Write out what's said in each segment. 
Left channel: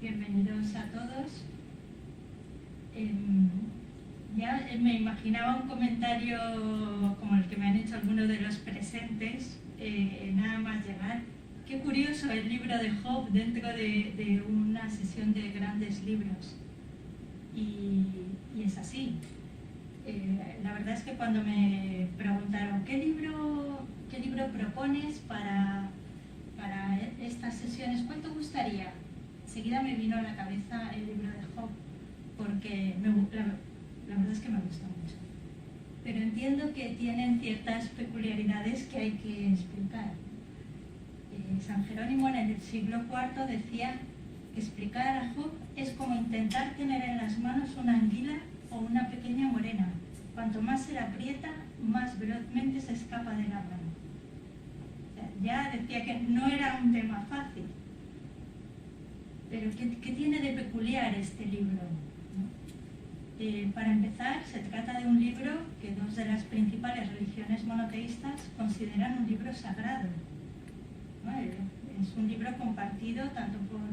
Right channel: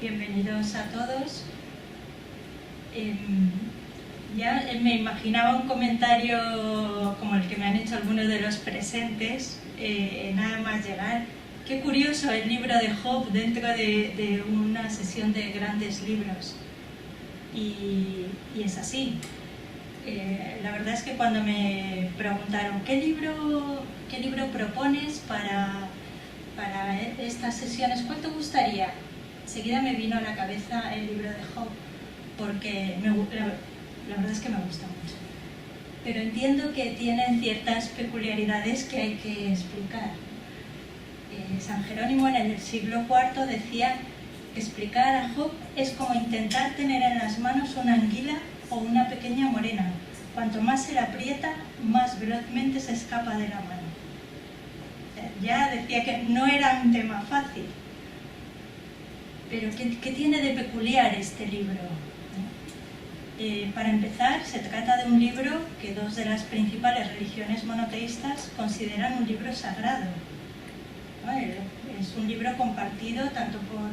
Bienvenidos a todos. Ya me imaginaba un comentario como el que me han hecho algunos de los presentes, nada más llegar. Qué curioso el libro de Job dentro de una sesión de grandes libros. Y es así. La verdad es que cuando me preguntaron ¿qué libro propones para estas sesiones? ¿Cuál te gustaría? Enseguida me vino a la cabeza el libro de Job, porque la verdad es que me gusta mucho. Pero entiendo que tienen ciertas peculiaridades que hay que explicar. San Jerónimo en el siglo IV decía que explicar a Job es como intentar tener en las manos una anguila o una pequeña morena. Cuanto más se la aprieta, más velozmente se escapa de la mano. Ya decía que no era un tema fácil. Pero ¿qué tiene de peculiar este libro? Para empezar, se trata de un libro que dos de las principales religiones monoteístas consideran un libro sagrado. Es un libro compartido tanto por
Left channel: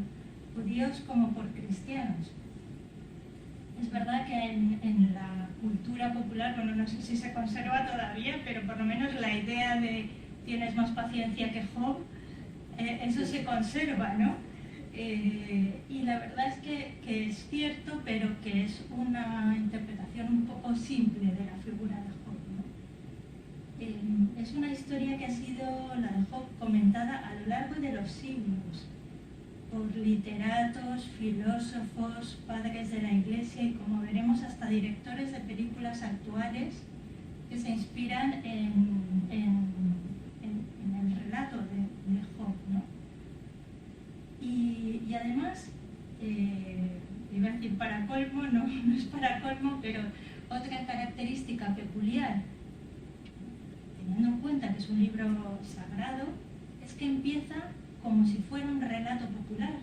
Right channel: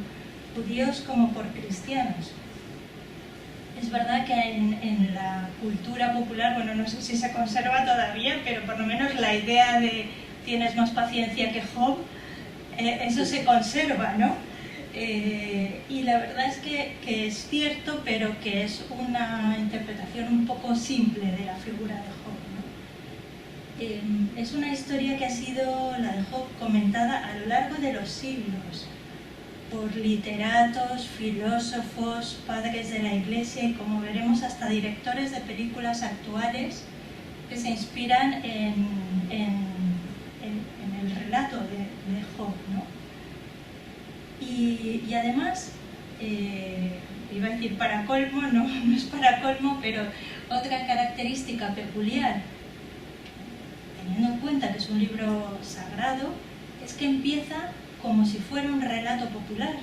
judíos como por cristianos. Es verdad que en la cultura popular, bueno, no sé si se conserva todavía, pero por lo menos la idea de tienes más paciencia que Job, eso se conserva, ¿no? Y la verdad es que es cierto, pero que es una interpretación un poco simple de la figura de Job, ¿no? Es una historia que ha sido, la de Job, comentada a lo largo de los siglos por literatos, filósofos, padres de la Iglesia y, como veremos, hasta directores de películas actuales que se inspiran en el relato de Job, ¿no? Y además, iba a decir para colmo, no es para colmo, pero otra característica peculiar, teniendo en cuenta que es un libro sagrado, es que empieza como si fuera un relato popular,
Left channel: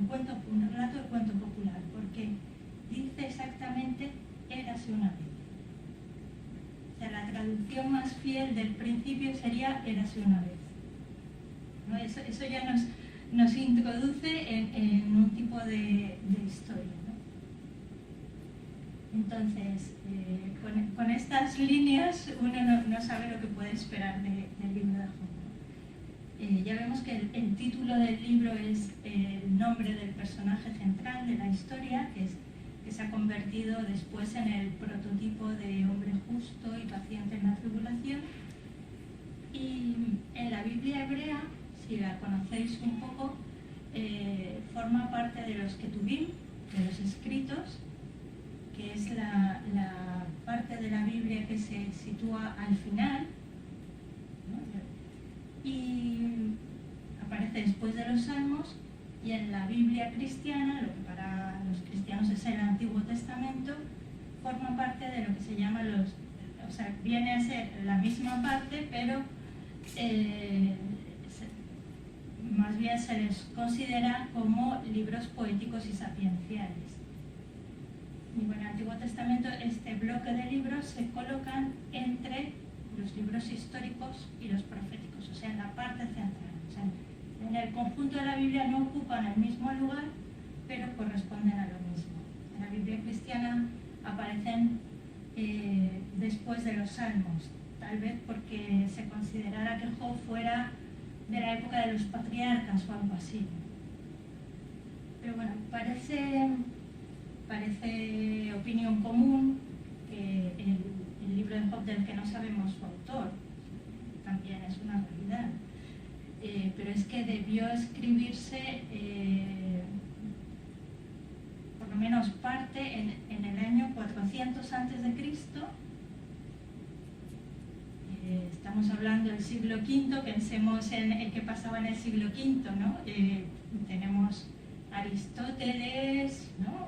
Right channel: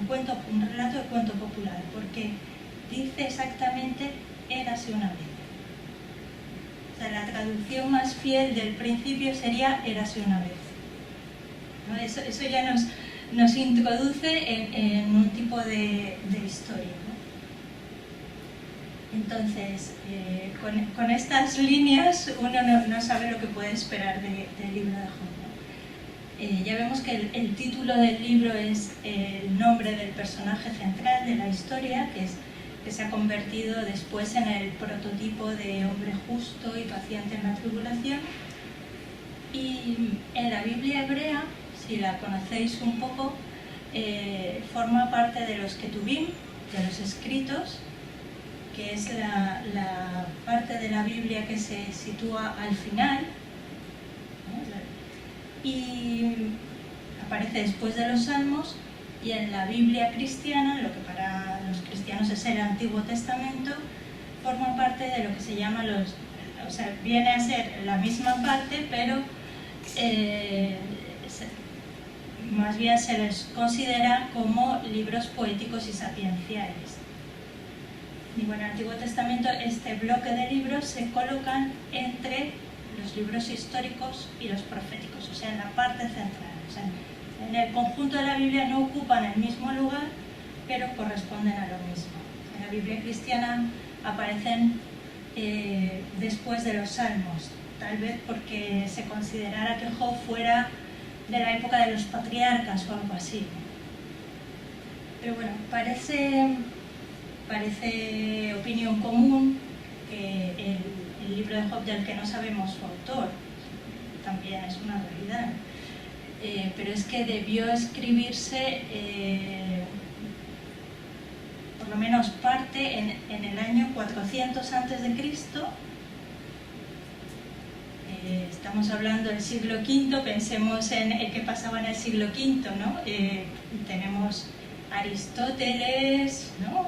un relato de cuento popular, porque dice exactamente érase una vez. O sea, la traducción más fiel del principio sería érase una vez, ¿no? Eso ya nos introduce en un tipo de historia, ¿no? Entonces, con estas líneas uno no sabe lo que puede esperar del libro de Job. Ya vemos que el título del libro es el nombre del personaje central de la historia, que se ha convertido después en el prototipo de hombre justo y paciente en la tribulación. Y en la Biblia hebrea, si la conocéis un poco, forma parte de los Ketuvim, de los escritos, que es la parte de la Biblia que se sitúa al final, y aparece después de los Salmos, y en la Biblia cristiana, lo que para los cristianos es el Antiguo Testamento, forma parte de lo que se llama o sea, viene a ser la misma parte, pero más bien se les considera como libros poéticos y sapienciales. Y bueno, en el Antiguo Testamento este bloque de libros se colocan entre los libros históricos y los proféticos, o sea, en la parte central. O sea, en el conjunto de la Biblia no ocupan el mismo lugar, pero corresponden a lo mismo. En la Biblia cristiana aparecen después de los Salmos, tal vez porque se considerara que Job fuera de la época de los patriarcas o algo así. Pero bueno, parece opinión común que el libro de Job, del que no sabemos su autor, también es una realidad, pero es que debió escribirse por lo menos parte en el año 400 a.C. Estamos hablando del siglo V, pensemos en el que pasaba en el siglo V, ¿no? Tenemos Aristóteles, ¿no?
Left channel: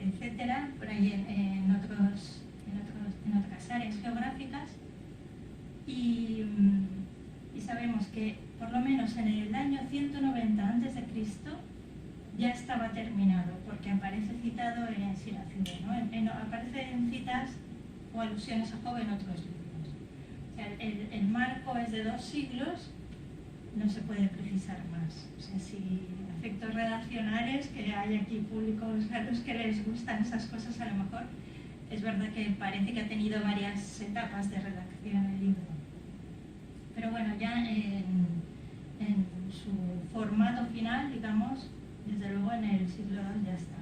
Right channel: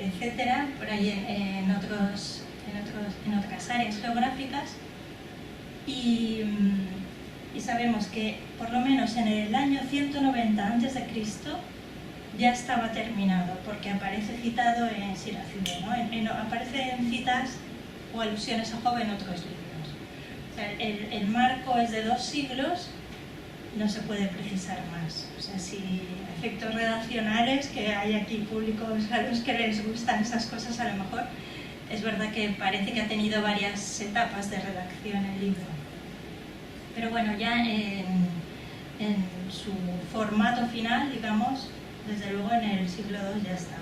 Etcétera, por ahí en otras áreas geográficas, y sabemos que por lo menos en el año 190 a.C. ya estaba terminado, porque aparece citado en Siracide, ¿no? Aparecen citas o alusiones a Job en otros libros. O sea, el marco es de 2 siglos, no se puede precisar más. O sea, si efectos redaccionales, que hay aquí públicos a los que les gustan esas cosas a lo mejor. Es verdad que parece que ha tenido varias etapas de redacción el libro. Pero bueno, ya en su formato final, digamos, desde luego en el siglo II ya estaba.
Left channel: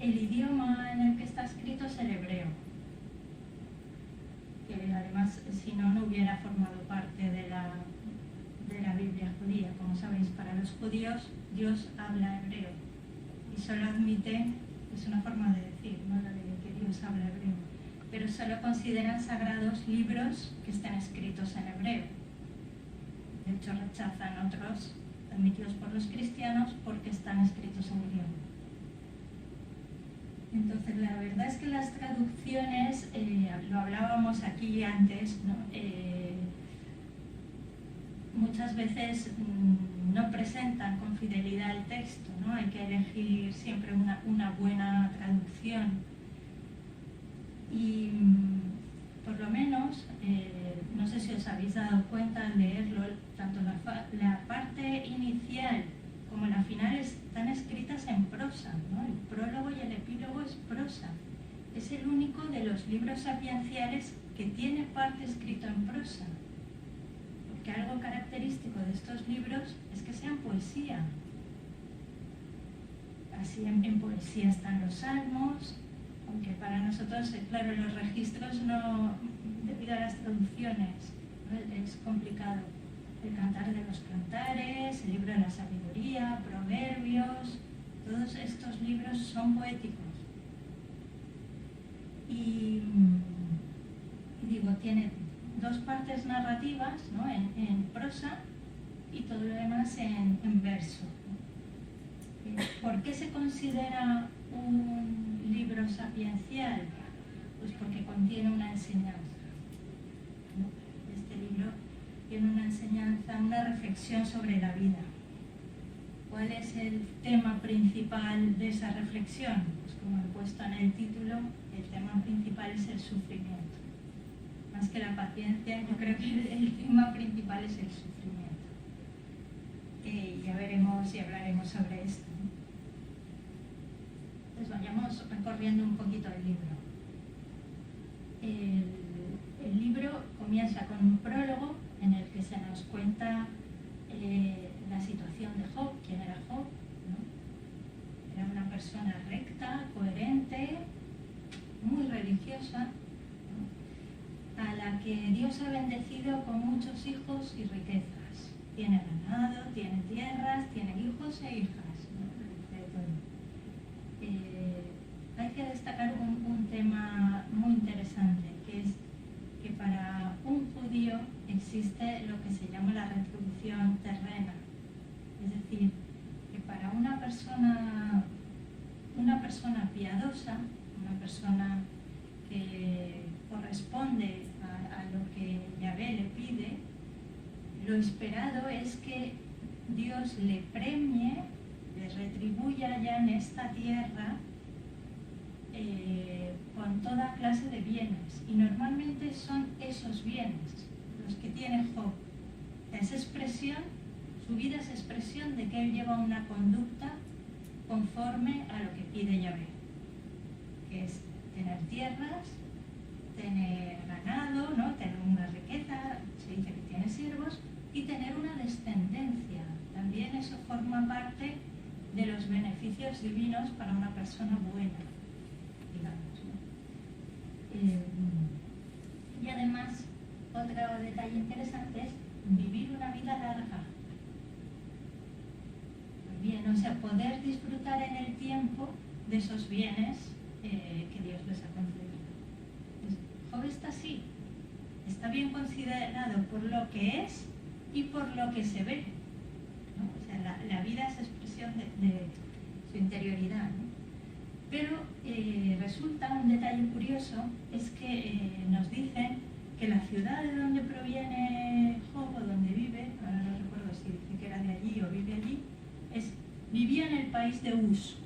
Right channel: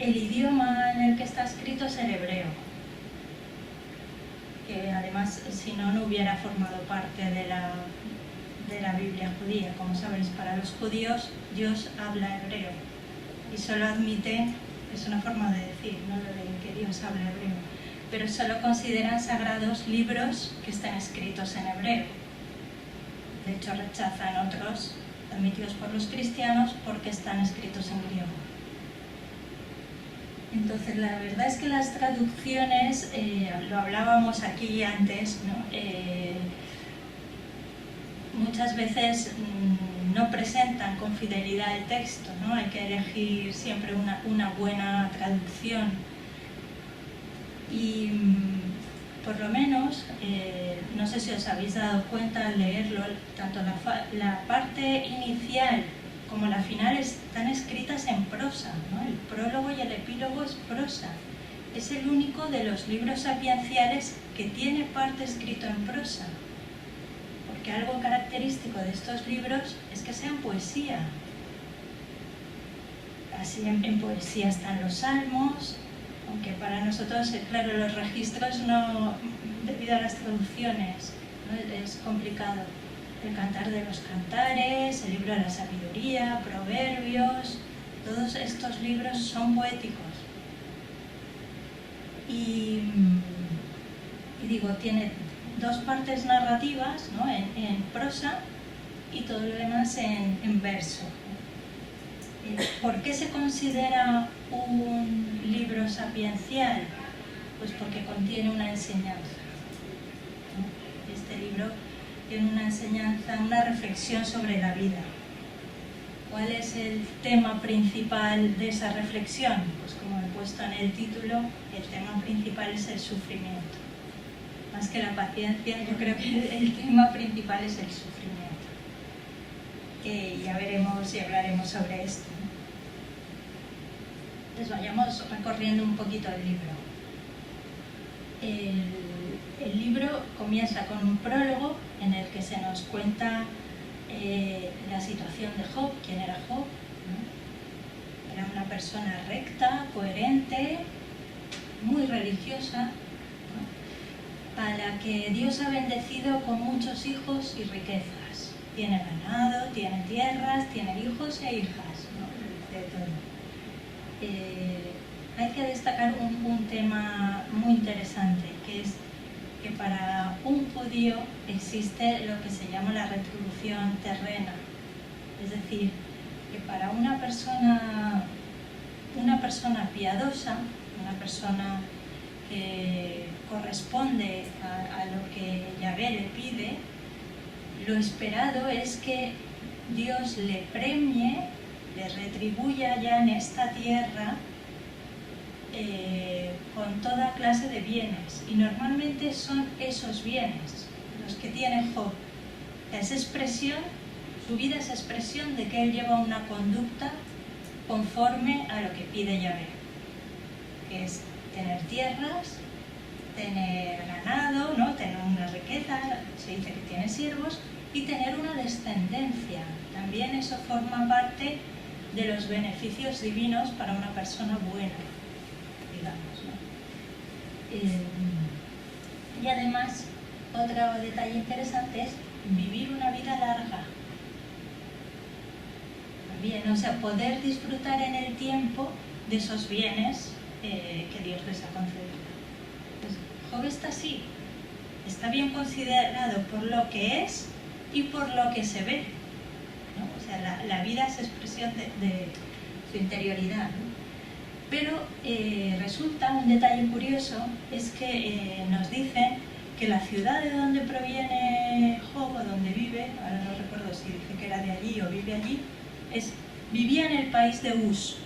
El idioma en el que está escrito es el hebreo, que además, si no, no hubiera formado parte de la Biblia judía. Como sabéis, para los judíos Dios habla hebreo y solo admiten, es una forma de decir, no lo leen que Dios habla hebreo, pero solo consideran sagrados libros que están escritos en hebreo. De hecho, rechazan otros admitidos por los cristianos porque están escritos en griego. Entonces, la verdad es que las traducciones, lo hablábamos aquí antes, ¿no? Muchas veces no presentan con fidelidad el texto, ¿no? Hay que elegir siempre una buena traducción. Y por lo menos, no sé si os habéis dado cuenta al leerlo, tanto la parte inicial como la final están escritas en prosa, ¿no? El prólogo y el epílogo es prosa. Es el único de los libros sapienciales que tiene parte escrito en prosa. Porque algo característico de estos libros es que sean poesía. Así en poesía están los salmos, aunque para nosotros, claro, los registros no, debido a las traducciones, ¿no? Es complicado. El Cantar de los Cantares, el Libro de la Sabiduría, Proverbios, todos estos libros son poéticos. Y digo, tiene dos partes narrativas, ¿no? en prosa y todo lo demás en verso. ¿Por qué se considera un libro sapiencial? Pues porque contiene una enseñanza. Este libro tiene una enseñanza, una reflexión sobre la vida. ¿Cuál es el tema principal de esa reflexión? Pues como he puesto en el título, el tema principal es el sufrimiento. Más que la paciencia, yo creo que el tema principal es el sufrimiento. Ya veremos y hablaremos sobre esto. Entonces vayamos recorriendo un poquito el libro. El libro comienza con un prólogo en el que se nos cuenta la situación de Job, quién era Job, ¿no? Era una persona recta, coherente, muy religiosa, ¿no? A la que Dios ha bendecido con muchos hijos y riquezas. Tiene ganado, tiene tierras, tiene hijos e hijas, ¿no? De todo. Hay que destacar un tema muy interesante, que es que para un judío existe lo que se llama la retribución terrena. Es decir, que para una persona piadosa, una persona que corresponde a lo que Yahvé le pide, lo esperado es que Dios le premie, le retribuya ya en esta tierra con toda clase de bienes, y normalmente son esos bienes los que tiene Job. Es expresión, su vida es expresión de que él lleva una conducta conforme a lo que pide Yahvé, que es tener tierras, tener ganado, ¿no? Tener una riqueza, se dice que tiene siervos, y tener una descendencia. También eso forma parte de los beneficios divinos para una persona buena, digamos, ¿no? Y además, otro detalle interesante es vivir una vida larga. También, o sea, poder disfrutar en el tiempo de esos bienes que Dios les ha concedido. Pues Job está así, está bien considerado por lo que es y por lo que se ve, ¿no? O sea, la vida es expresión de su interioridad, ¿no? Pero resulta un detalle curioso, es que nos dicen que la ciudad de donde proviene Job, o donde vive, ahora no recuerdo si dice que era de allí o vive allí, vivía en el país de Uz.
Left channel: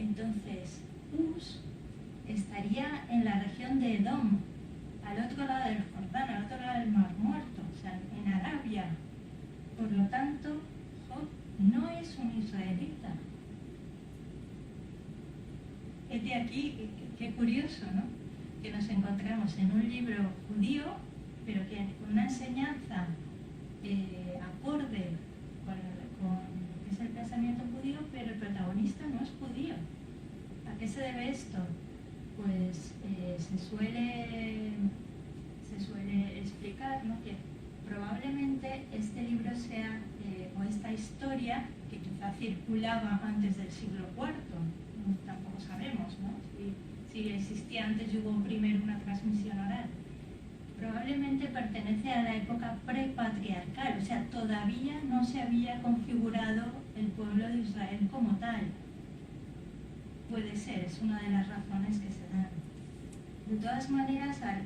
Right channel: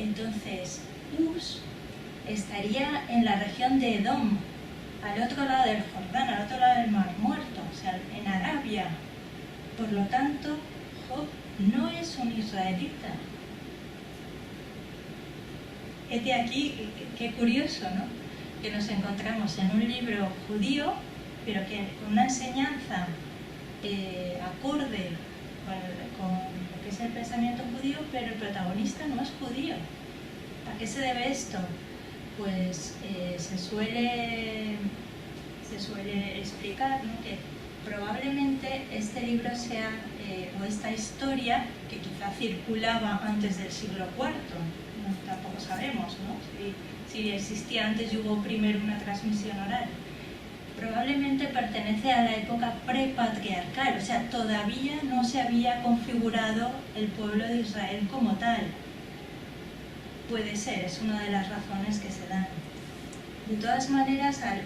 Entonces, Uz estaría en la región de Edom, al otro lado del Jordán, al otro lado del Mar Muerto. sea, en Arabia. Por lo tanto, Job no es un israelita. Es de aquí, qué curioso, ¿no? Que nos encontramos en un libro judío, pero que con una enseñanza acorde con lo que es el pensamiento judío, pero el protagonista no es judío. ¿A qué se debe esto? Pues se suele explicar, ¿no?, que probablemente este libro sea, o esta historia, que quizá circulaba antes del siglo IV, ¿no? Tampoco sabemos, ¿no?, si existía antes y hubo primero una transmisión oral. Probablemente pertenece a la época prepatriarcal, o sea, todavía no se había configurado el pueblo de Israel como tal. Puede ser, es una de las razones que se dan. De todas maneras, al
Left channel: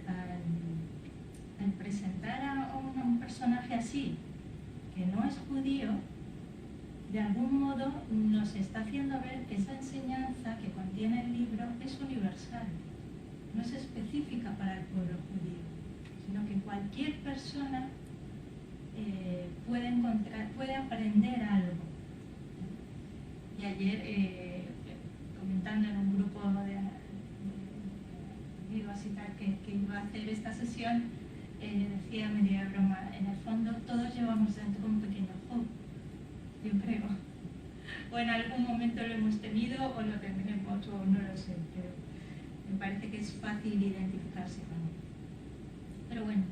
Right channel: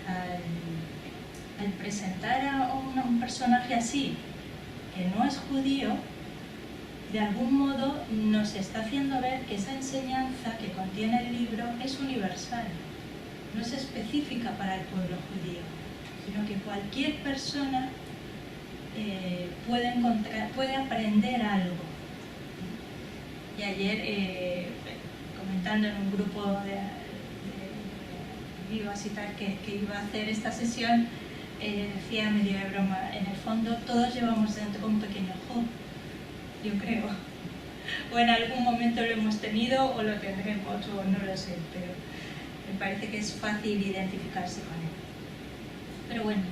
presentar a un personaje así, que no es judío, de algún modo nos está haciendo ver que esa enseñanza que contiene el libro es universal, no es específica para el pueblo judío, sino que cualquier persona puede aprender algo. Y ayer, comentando en un grupo de amigos y tal que iba a hacer esta sesión, decía medio de broma, en el fondo todos llevamos dentro un pequeño Job, yo creo, o en algún momento lo hemos tenido o lo tendremos, o no lo sé, pero me parece que es fácil identificarse con él. Pero bueno,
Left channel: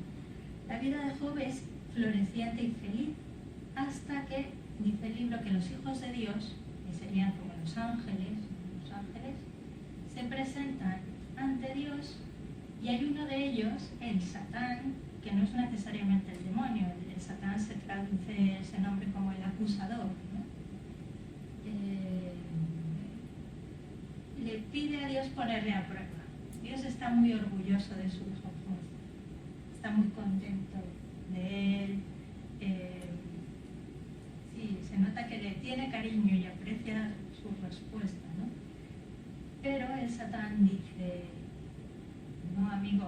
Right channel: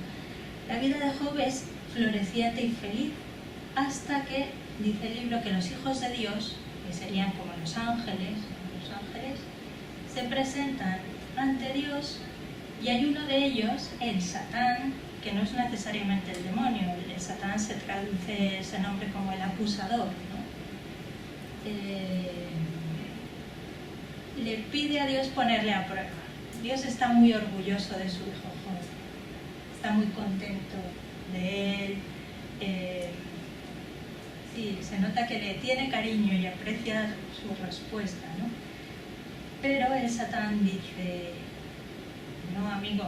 la vida de Job es floreciente y feliz hasta que dice el libro que los hijos de Dios, que serían como los ángeles, se presentan ante Dios, y hay uno de ellos, el Satán, que no es necesariamente el demonio. El Satán se traduce ese nombre como el acusador, ¿no? Le pide a Dios ponerle a prueba. Dios está muy orgulloso de su hijo Job, está muy contento de él. Sí, se nota que le tiene cariño y aprecia su respuesta, ¿no? Pero el Satán dice: no, amigo,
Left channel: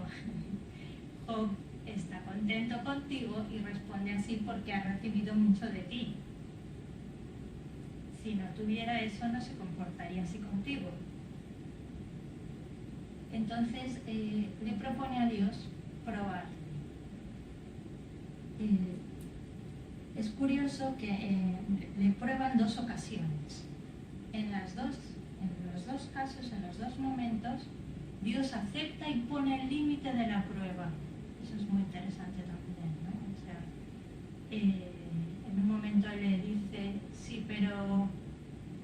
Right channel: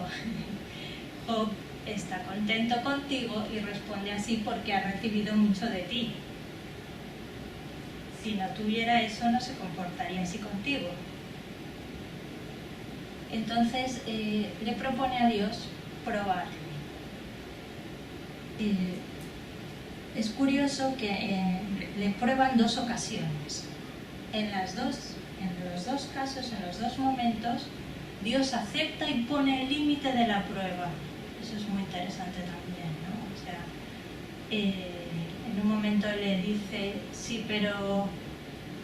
Job está contento contigo y responde así porque ha recibido mucho de ti. Si no tuviera eso, no se comportaría así contigo. Entonces le propone a Dios probarle. Es curioso que le prueban dos ocasiones. En los dos casos, en los dos momentos, Dios acepta y pone el límite de la prueba. Eso es muy interesante también, ¿no? O sea, en un momento le dice, sí, pero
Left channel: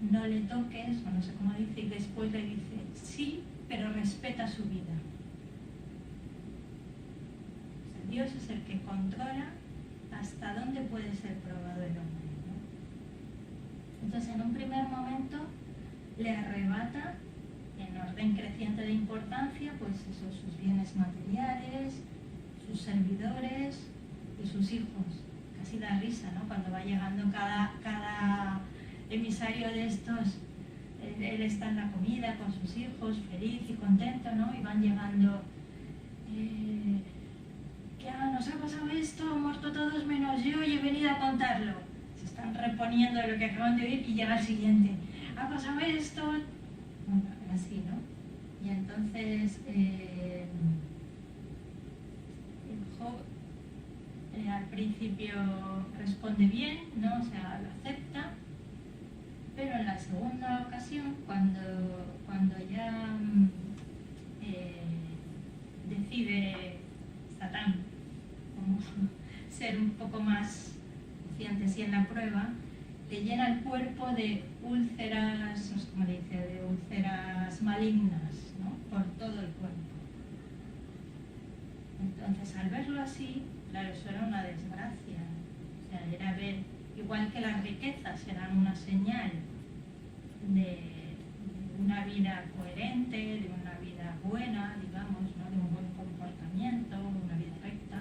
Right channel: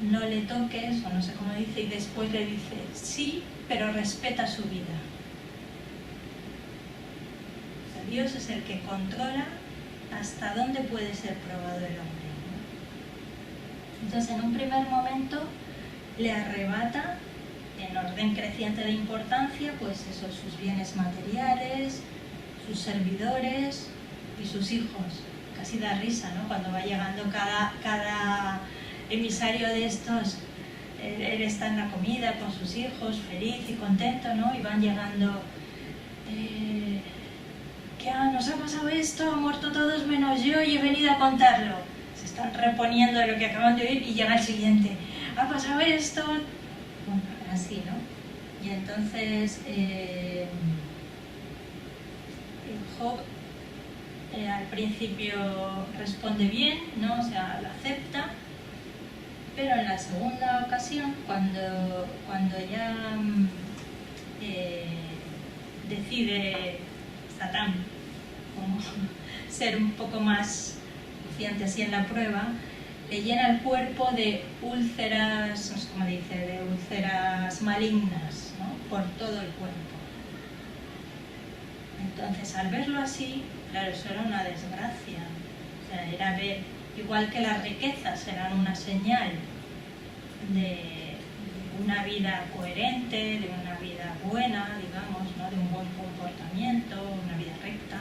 no le toques, o no sé cómo dice, y después le dice, sí, pero respeta su vida. O sea, Dios es el que controla hasta dónde puede ser probado el hombre, ¿no? Entonces, en un primer momento, le arrebata, en orden creciente de importancia, pues eso, sus bienes materiales, sus servidores y sus hijos. Casi da risa, ¿no? Cuando va llegando cada emisario de estos, él está en la comida con sus hijos, feliz y contento, ¿no? Y van llegando, nos ha pasado esto, han muerto todos menos yo y he venido a contarlo. Se están reponiendo de lo que acaban de oír y llega el siguiente. Ha pasado esto, bueno, así, ¿no? Y entonces Job al principio responde bien, ¿no? O sea, lo acepta, pero en la segunda ocasión, cuando ya decide Satán como ser un poco más confiante así en la prueba, le llena el cuerpo de úlceras, no sé cómo dice, de úlceras malignas, ¿no? Por todo el cuerpo. Entonces, al verlo así, claro, eso era una desgracia. O sea, era ver, igual que las riquezas eran una señal de una vida coherente, de una vida buena, digamos, ¿no? De un buen comportamiento, una vida recta.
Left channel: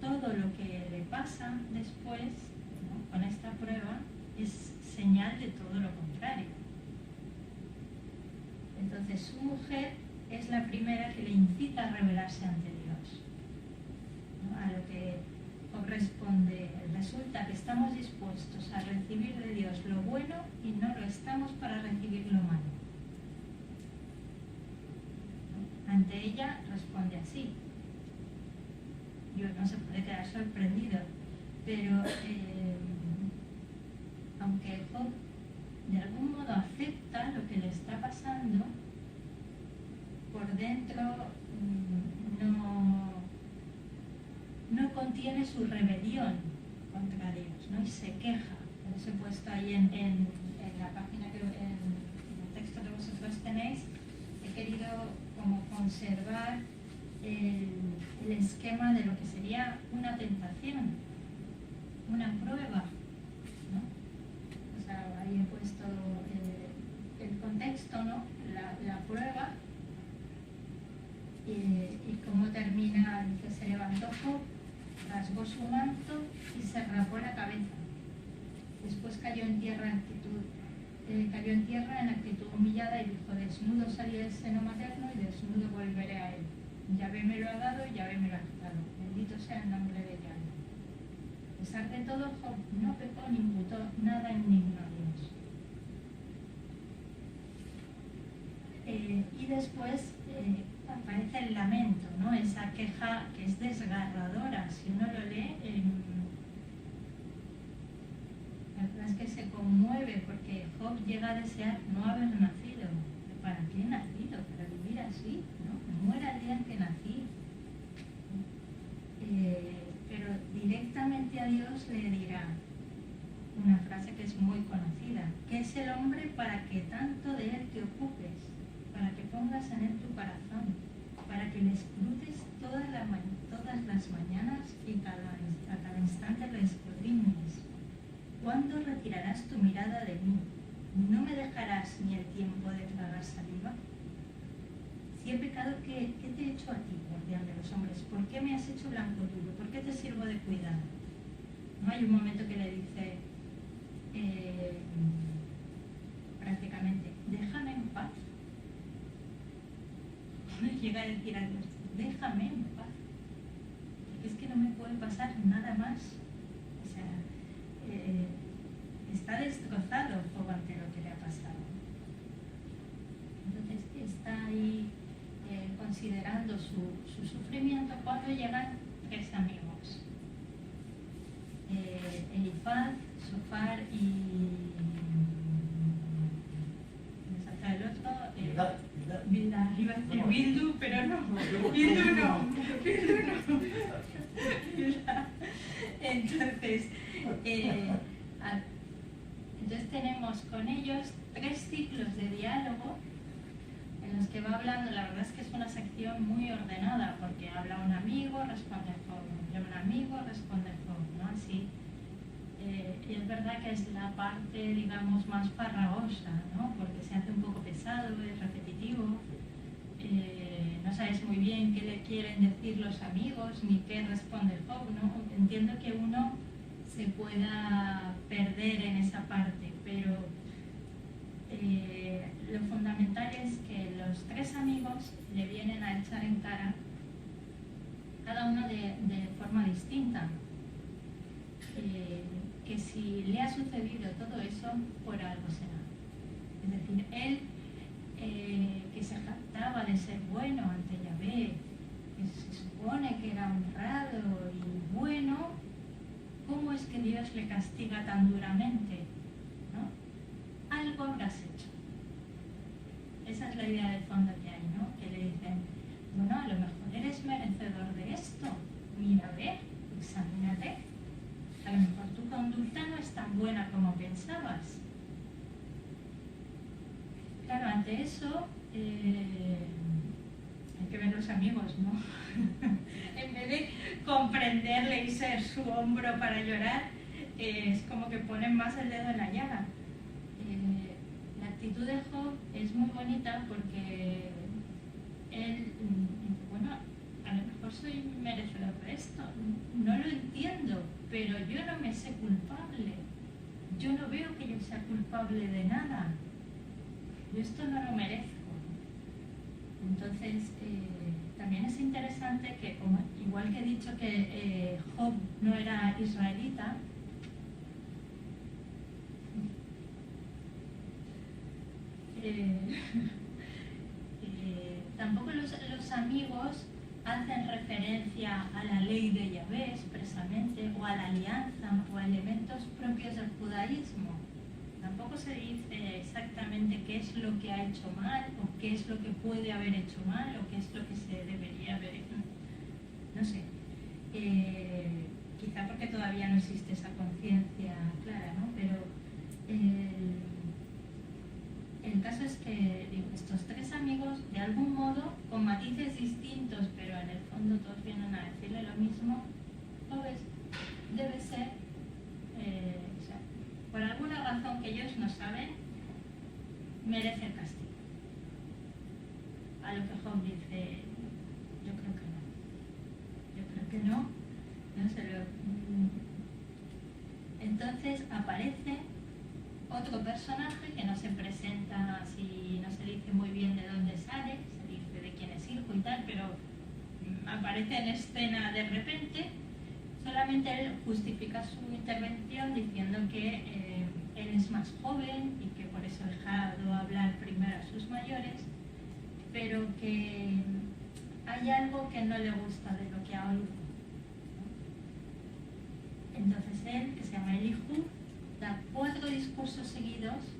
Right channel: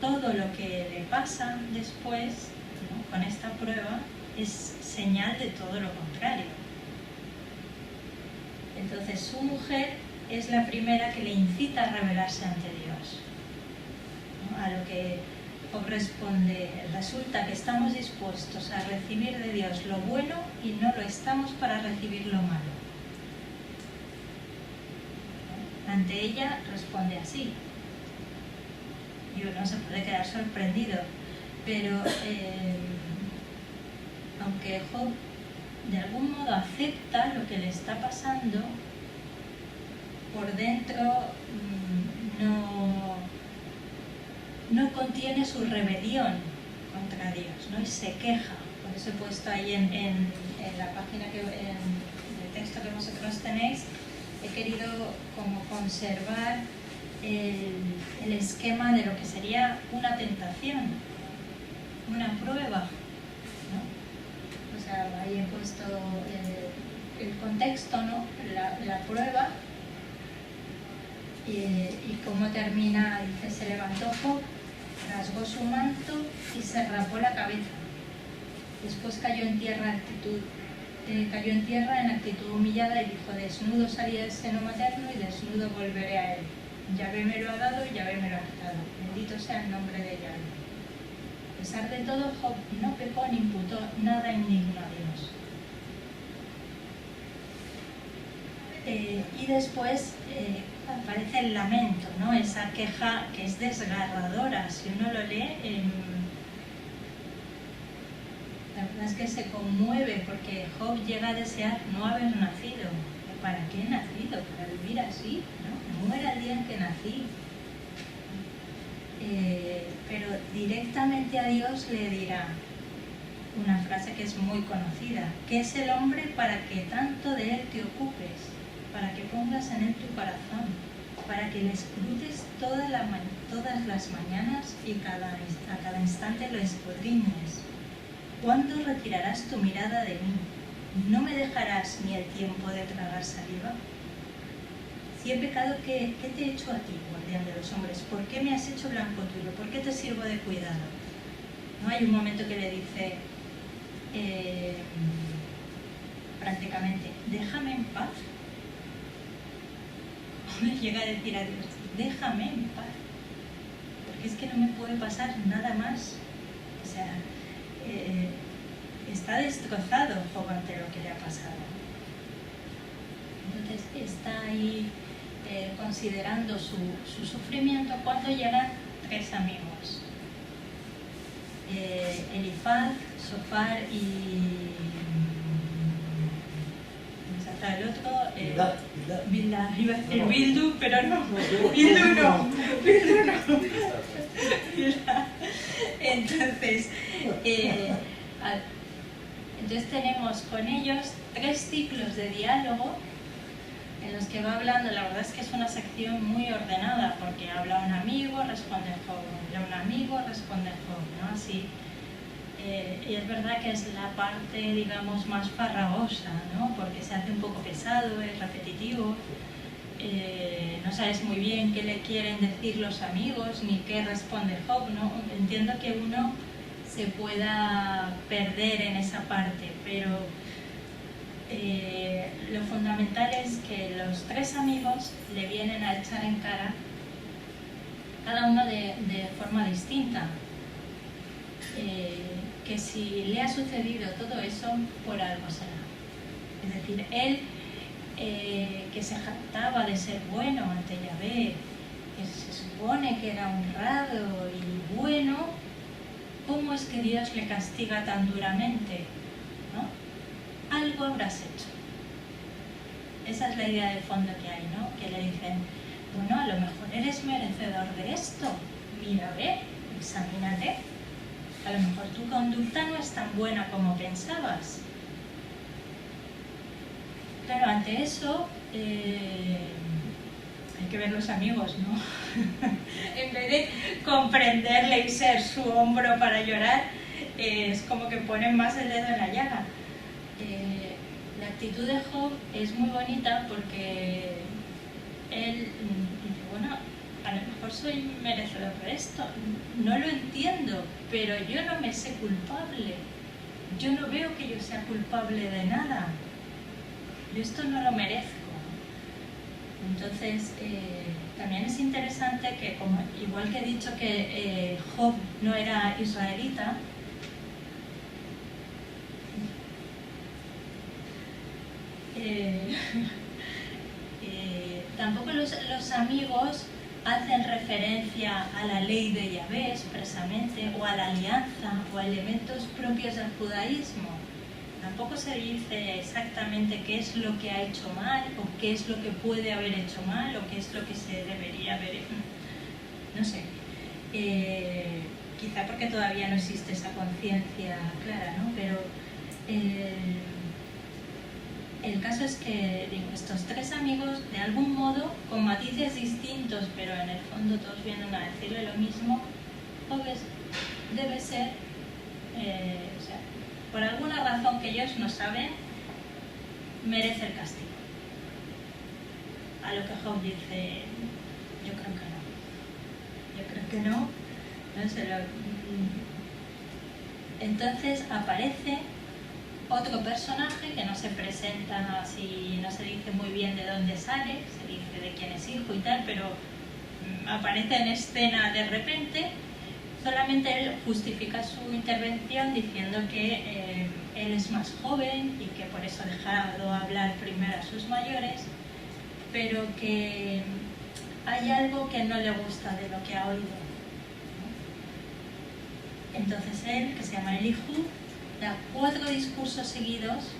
Todo lo que le pasa después, ¿no? Con esta prueba, es señal de todo lo contrario. Entonces, su mujer es la primera que le incita a rebelarse ante Dios, ¿no? a lo que Job responde: resulta que estamos dispuestos a recibir de Dios lo bueno y no lo estamos para recibir lo malo. Ante ella responde así. Y uno se puede quedar sorprendido, pero aunque Job de algún modo acepta lo que le está pasando, por dentro no contiene su rebelión contra Dios, ¿no? Y se queja. Por eso he puesto ahí en la página, en el texto que vosotros tenéis, he querido como conservar el esquema de lo que sería una tentación, una prueba, ¿no? O sea, ahí he puesto el contexto, ¿no? La prueba, y cómo termina. Dice: se levantó Job, rasgó su manto y se rapó la cabeza. Después cayó en tierra en actitud humillada y dijo: desnudo salí del seno materno y desnudo volveré a él. Yahvé me lo ha dado y Yahvé me lo ha quitado. Bendito sea el nombre de Yahvé. A pesar de todo, Job no pecó ni imputó nada indigno a Dios. Y después aparece el lamento, ¿no? Esa queja que es desgarradora. Si uno lo lee, la verdad es que se conmueve, porque Job llega a desear no haber nacido. ¿Para qué he nacido? ¿Para vivir así? ¿No? Muera el día en que nací. Pero directamente a Dios le dirá una frase que es muy conocida: ¿qué es el hombre para que tanto de él te ocupes? Para que pongas en él tu corazón, para que le escrutes todas las mañanas y a cada instante lo escudriñes. ¿Cuándo retirarás tu mirada de mí? ¿No me dejarás ni el tiempo de tragar saliva? Si he pecado, ¿qué te he hecho a ti, guardián de los hombres? ¿Por qué me has hecho blanco tuyo? ¿Por qué te sirvo de cuidado? ¿No? Hay un momento que le dice prácticamente: déjame en paz. Me llega a decir a Dios: déjame en paz, porque es que no me puede pasar nada más. O sea, está destrozado Job ante lo que le ha pasado. Entonces está ahí considerando su sufrimiento, cuando llegan tres amigos: Elifaz, Sofar y... el otro, Bildad, iba a decir Bildu, pero no, Bildu no. Entonces, tenemos con ellos 3 ciclos de diálogo en los que va hablando. La verdad es que es una sección muy ordenada, porque habla un amigo, responde Job, habla un amigo, responde Job, ¿no? Así. Y es verdad que es la parte, digamos, más farragosa, ¿no? Porque se hace un poco pesado, es repetitivo, no sabes muy bien qué le quieren decir los amigos ni qué responde Job, ¿no? Entiendo que uno se pueda perder en esa parte, pero lo fundamental es que los 3 amigos le vienen a echar en cara, cada uno de forma distinta, que si le ha sucedido todo eso, por algo será. Es decir, él, que se jactaba de ser bueno ante Yahvé, que se supone que era honrado y bueno, ¿cómo es que Dios le castiga tan duramente? ¿No? Algo habrás hecho. Esa es la idea del fondo que hay, ¿no? Que le dicen: bueno, a lo mejor eres merecedor de esto, mira, ve, examínate. A lo mejor tu conducta no es tan buena como pensabas. Claro, ante eso hay que ver los amigos, ¿no? En vez de comprenderle y ser su hombro para llorar, es como que ponen más el dedo en la llaga. La actitud de Job es muy bonita, porque él dice: bueno, a lo mejor soy merecedor de esto, no lo entiendo, pero yo no me sé culpable, yo no veo que yo sea culpable de nada, yo esto no lo merezco. Entonces, también es interesante que, como, igual que he dicho que Job no era israelita, tampoco los amigos hacen referencia a la ley de Yahvé expresamente, o a la alianza, o a elementos propios del judaísmo. Tampoco se dice exactamente qué es lo que ha hecho mal, o qué es lo que puede haber hecho mal, o qué es lo que se debería haber hecho. No sé. Quizá porque todavía no existe esa conciencia clara, ¿no? Pero el caso es que estos tres amigos, de algún modo, con matices distintos, pero en el fondo todos vienen a decirle lo mismo, Job debe ser, o sea, por alguna razón que ellos no saben, merece el castigo. A lo que Job dice, yo creo que no. Yo creo que no. No sé Entonces aparece otro personaje que no se presenta así, no se dice muy bien de dónde sale, se dice de quién es hijo y tal, pero aparece en escena de repente. Solamente él justifica su intervención diciendo que él es más joven y que por eso ha dejado hablar primero a sus mayores, pero que hay algo que no le gusta de lo que ha oído. Entonces él, que se llama Elihu, da 4 discursos seguidos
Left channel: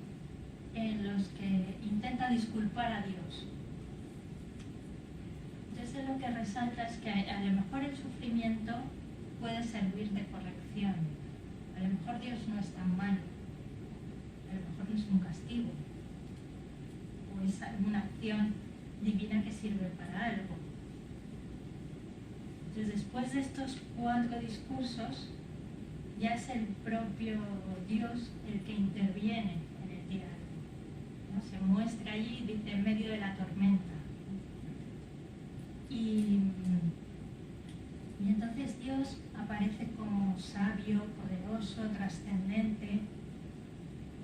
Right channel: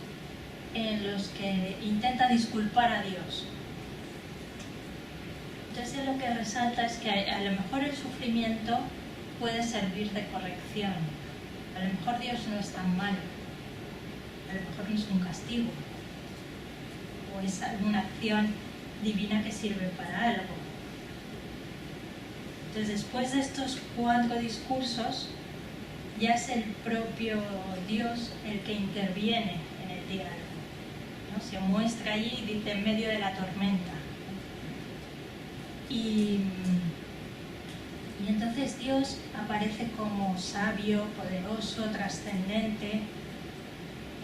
en los que intenta disculpar a Dios. Entonces lo que resalta es que a lo mejor el sufrimiento puede servir de corrección. A lo mejor Dios no es tan malo. A lo mejor no es un castigo. O es alguna acción divina que sirve para algo. Entonces después de estos 4 discursos, ya es el propio Dios el que interviene en el diálogo, ¿no? Se muestra allí y dice en medio de la tormenta. Y entonces Dios aparece como sabio, poderoso, trascendente.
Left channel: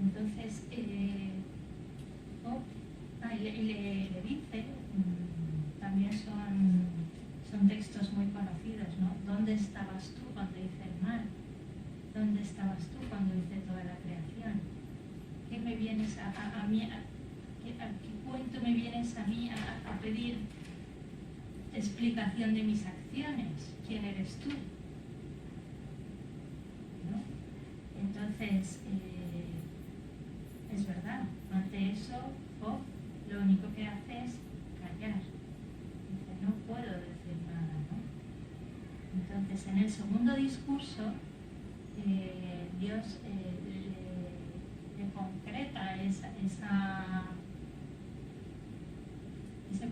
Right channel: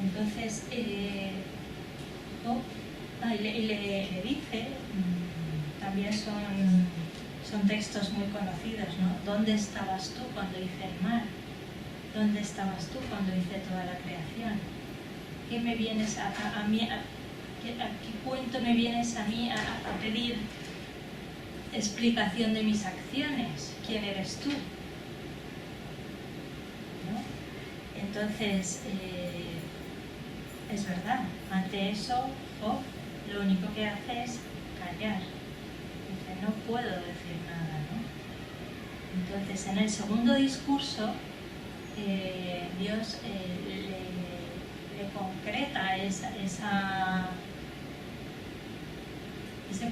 Entonces le dice, también son textos muy conocidos, ¿no? ¿Dónde estabas tú cuando hice el mar? ¿Dónde estabas tú cuando hice toda la creación? ¿Qué me vienes a mí, a qué cuento me vienes a mí a pedir explicación de mis acciones? ¿Quién eres tú? ¿No? Entonces, es verdad, ante eso, Job lo único que hace es callar. Dice, no puedo decir nada, ¿no? Entonces, en el segundo discurso, Dios le concreta ese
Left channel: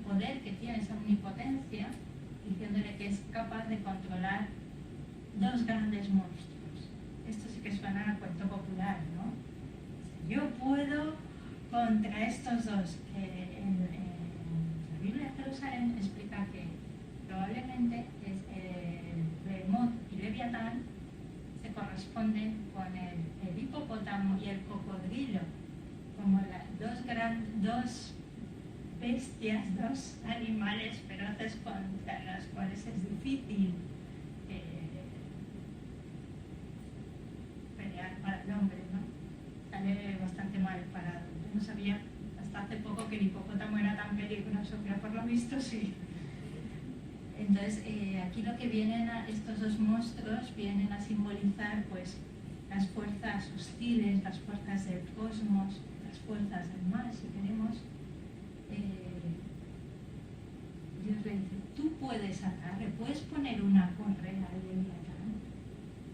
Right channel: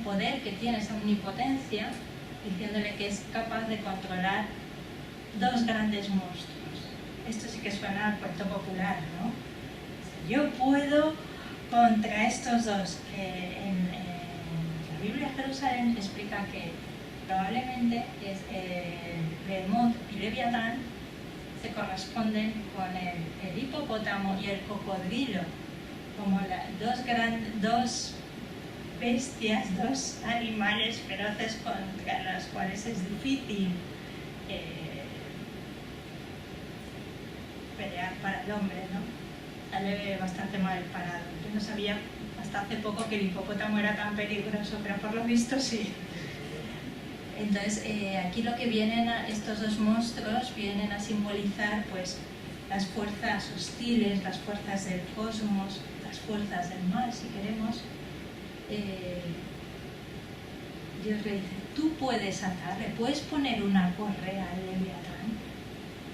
poder que tiene, esa omnipotencia, diciéndole que es capaz de controlar 2 grandes monstruos. Esto sí que suena al cuento popular, ¿no? Yo puedo contra estos dos. En la Biblia de Jerusalén explica que probablemente es Behemoth y Leviatán se corresponden con el hipopótamo y el cocodrilo, como dos bestias, 2 animales feroces contra los cuales es difícil pelear para el hombre, ¿no? Sale bastante mal parado. Yo no sabía hasta hace poco que el hipopótamo era tan peligroso, pero por lo visto sí. Entonces, aquí lo que vienen estos 2 monstruos vienen a simbolizar pues las fuerzas hostiles, las fuerzas del cosmos, las fuerzas del mal, si queremos. Dios le dice, tú puedes atarle, puedes poner una correa al Leviatán,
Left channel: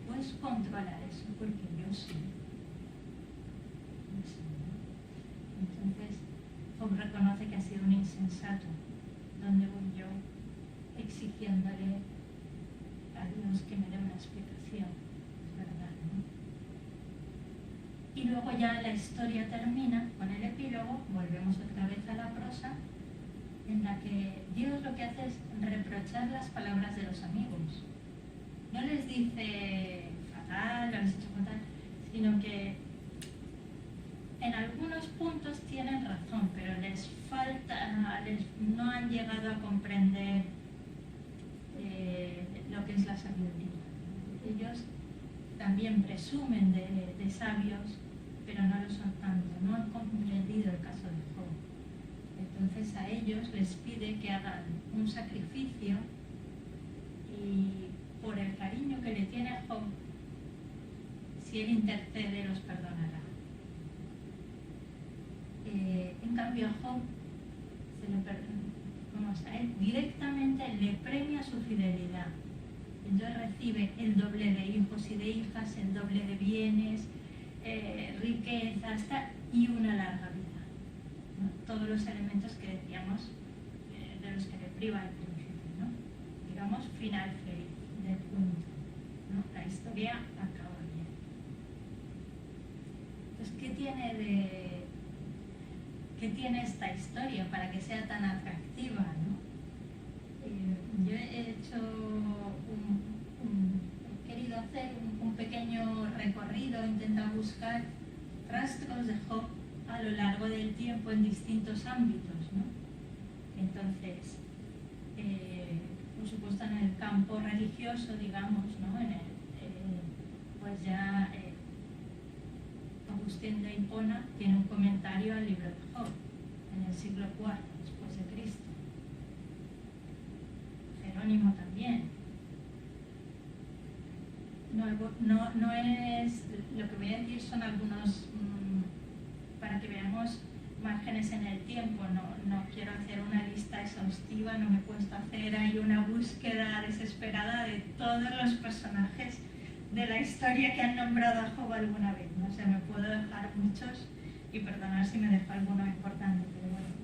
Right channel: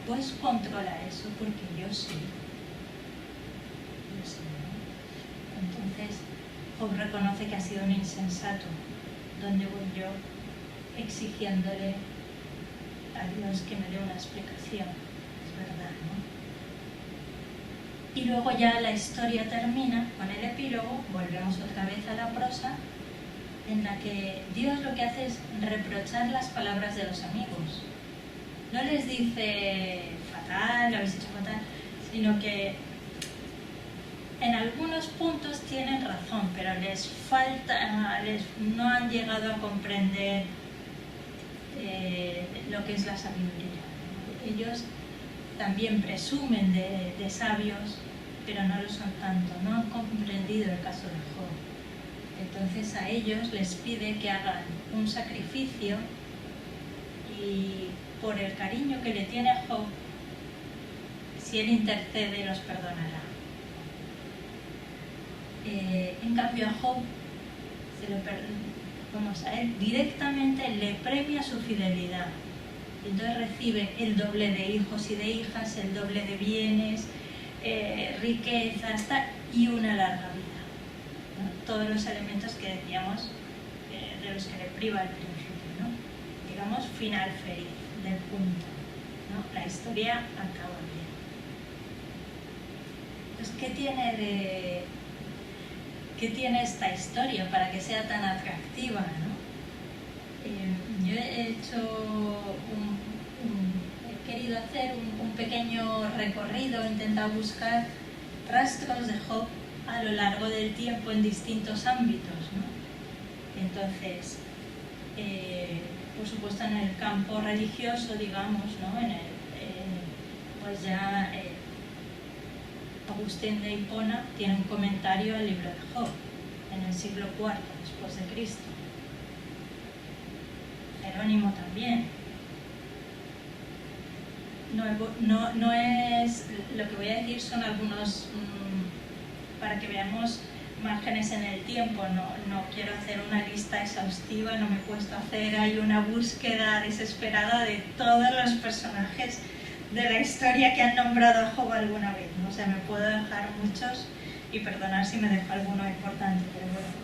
puedes controlar eso porque yo sí. Yo sí, ¿no? Entonces, Job reconoce que ha sido un insensato. ¿Dónde voy yo exigiéndole a Dios que me dé una explicación? Es verdad, ¿no? Y luego ya la historia termina con el epílogo, volvemos otra vez a la prosa, en la que Dios lo que hace es reprochar las palabras de los amigos. No les dice fatal, lo habéis hecho fatal, sino que en algunos puntos tienen razón, pero les falta, no han llegado a comprender lo que es la sabiduría. Ellos también presumen de sabios, pero no lo son tanto, no han comprendido el caso de Job. Entonces a ellos les pide que hagan un sacrificio y por el cariño que le tiene a Job, si él intercede, los perdonará. En cambio a Job, a él directamente le premia su fidelidad. Entonces recibe el doble de hijos y de hijas, el doble de bienes, riquezas y una larga vida, ¿no? Todos los elementos que decíamos de los que le priva al principio, ¿no? Digamos, final feliz del punto, ¿no? La historia acaba bien. Entonces, ¿qué tiene esta historia para que sea tan atractiva, ¿no? Yo he querido hacer un pequeño recorrido, he intentado buscar rastros de Job a lo largo del tiempo en distintos ámbitos, ¿no? Entonces, por supuesto en el campo religioso, digamos, ¿no? Pues ya Agustín de Hipona tiene un comentario al libro de Job en el siglo IV después de Cristo. Jerónimo también. No es, lo que voy a decir son algunos, para que veamos márgenes en el tiempo, no quiero hacer una lista exhaustiva, no me he puesto a hacer ahí una búsqueda desesperada de todos los personajes de la historia que han nombrado a Job alguna vez, ¿no? O sea, me puedo dejar muchos y perdonar si me dejo alguno importante, pero bueno.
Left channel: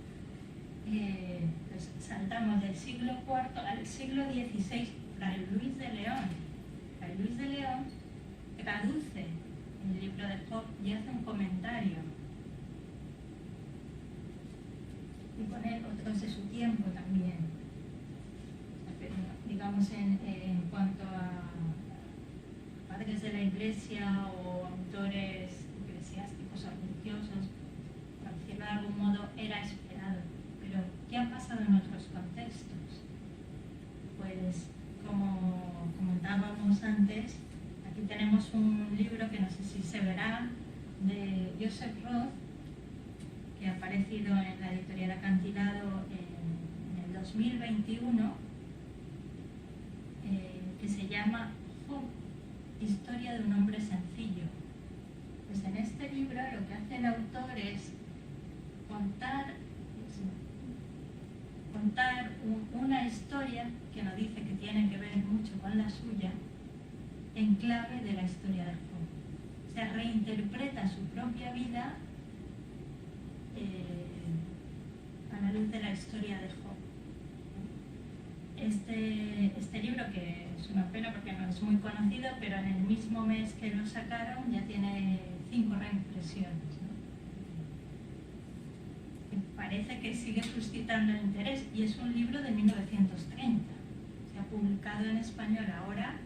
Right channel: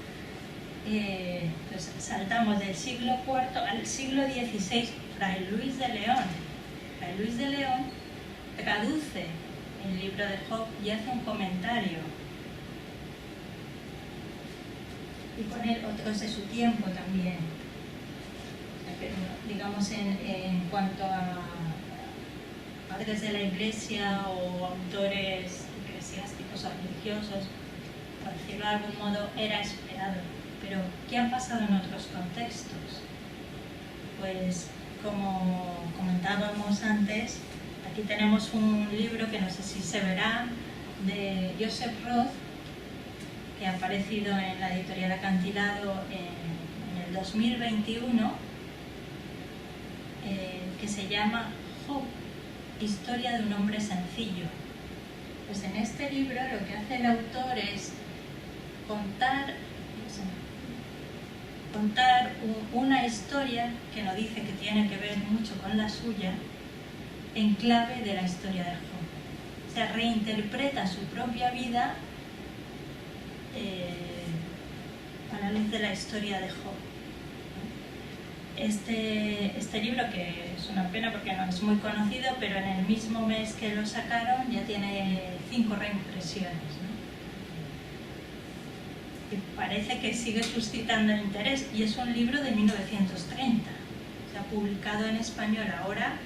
Pues saltamos del siglo IV al siglo XVI, Fray Luis de León. Fray Luis de León traduce el libro de Job y hace un comentario. Y con él otros de su tiempo también. Pero, digamos, en cuanto a padres de la Iglesia o autores eclesiásticos o religiosos, por decirlo de algún modo, era esperado. Pero, ¿qué ha pasado en otros contextos? Pues, como comentábamos antes, aquí tenemos un libro que no sé si se verá, de Joseph Roth, que ha aparecido en la editorial Acantilado en el 2021, que se llama Job, historia de un hombre sencillo. Pues en este libro lo que hace el autor es contar una historia que no dice que tiene que ver mucho con la suya, en clave de la historia de Job. O sea, reinterpreta su propia vida a la luz de la historia de Job. Este libro, que es una pena porque no es muy conocido, pero en el mismo mes que lo sacaron ya tiene 5 reimpresiones, ¿no? Y parece que sigue suscitando el interés, y es un libro de 1930. Se ha publicado en español ahora,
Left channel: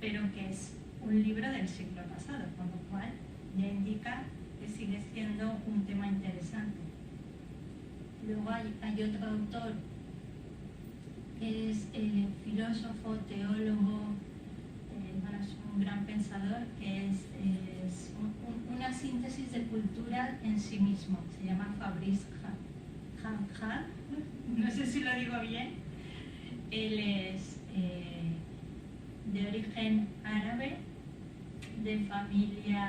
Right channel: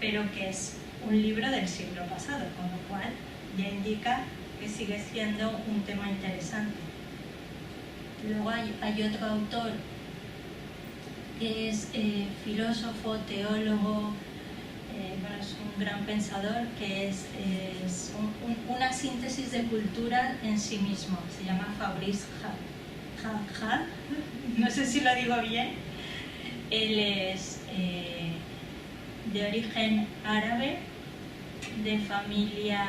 pero que es un libro del siglo pasado, con lo cual ya indica que sigue siendo un tema interesante. Luego hay otro autor que es filósofo, teólogo, es un gran pensador, que es una síntesis de cultura en sí mismo. Se llama Fabrice Hall. No sé si lo digo bien. Él es de origen árabe, de familia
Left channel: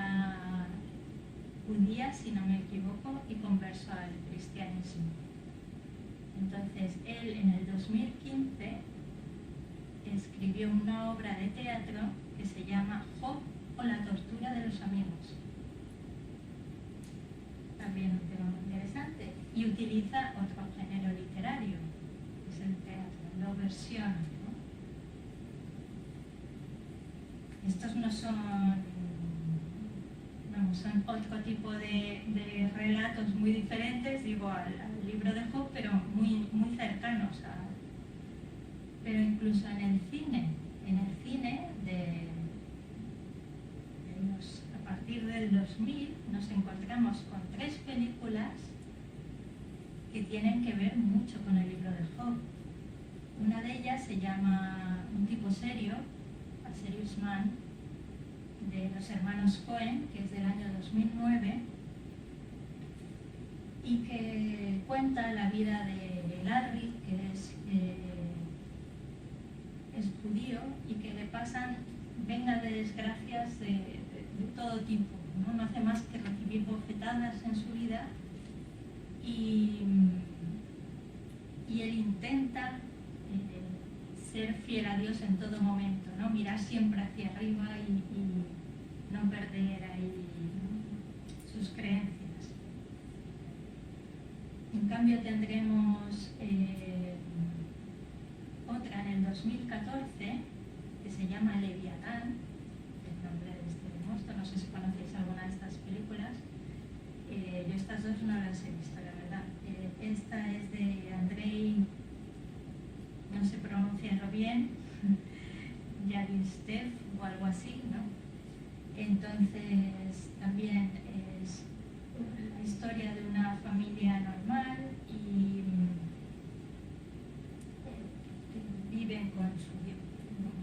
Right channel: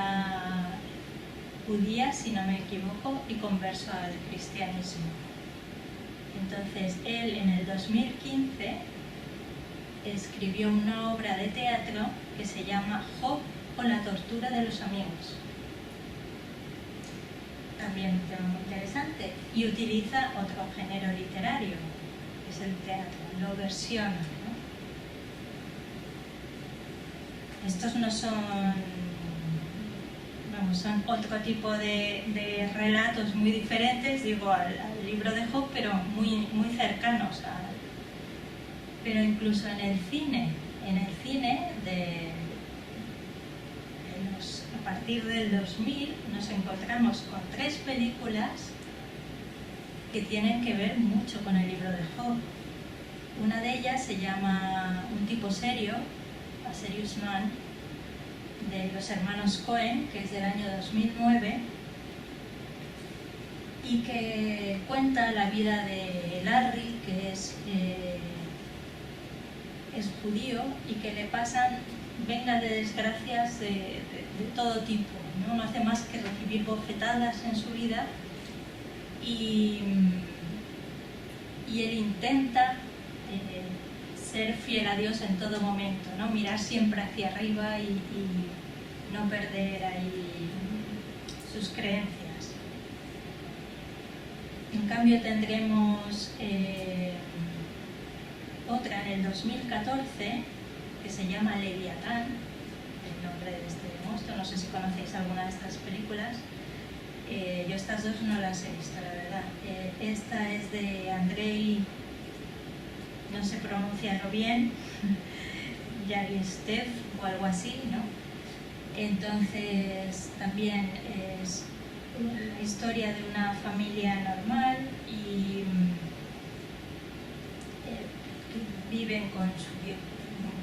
judía, si no me equivoco, y converso al cristianismo. Entonces, él en el 2015 escribió una obra de teatro que se llama Job o la tortura de los amigos. También un tema muy interesante. Y utiliza otro género literario, que es el teatro, lo versiona, ¿no? Estos no son... son otro tipo de relatos muy diferentes, digo, al libro de Job, pero muy cercanos pero incluso en el cine a partir del 2000 nos encontramos con 3 películas que tienen que ver mucho con el libro de Job. Una de ellas se llama Un tipo serio, A Serious Man, de los hermanos Coen, que es del año 2009, y que cuenta la vida de Larry, que es judío, y que le pasan vengas de desgracias de todo tipo, ¿no? No hace más que recibir bofetadas en su vida y él intenta ser fiel a Dios en todo momento, ¿no? Mirar siempre hacia arriba y no perder ahí sus creencias. En cambio tendremos otra en el 2014 que se llama Leviatán, el nombre de este monstruo. No sé si conocéis alguna de estas películas. Yo estas dos no las he visto, la verdad. Esta es de Andrei, no sé pronunciarlo bien, Yaristev o algo así, ¿no? Entonces también es la historia de una familia normal y viven con su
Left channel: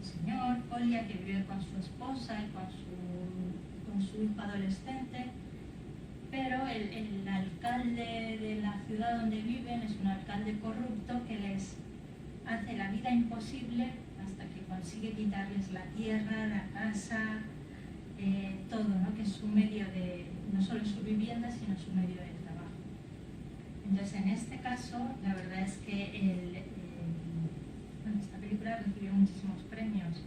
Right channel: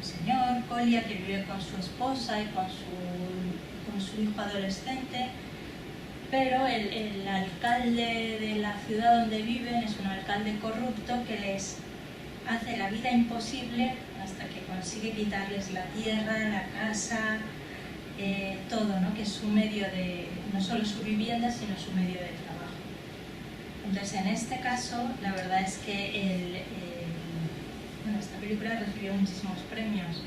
señor Colia, que vive con su esposa y con su hijo adolescente, pero el alcalde de la ciudad donde viven es un alcalde corrupto que les hace la vida imposible hasta que consigue quitarles la tierra, la casa, todo, ¿no? Que es su medio de, no solo su vivienda, sino su medio de trabajo. Entonces, en este caso, la verdad es que esta película recibió muchísimos premios,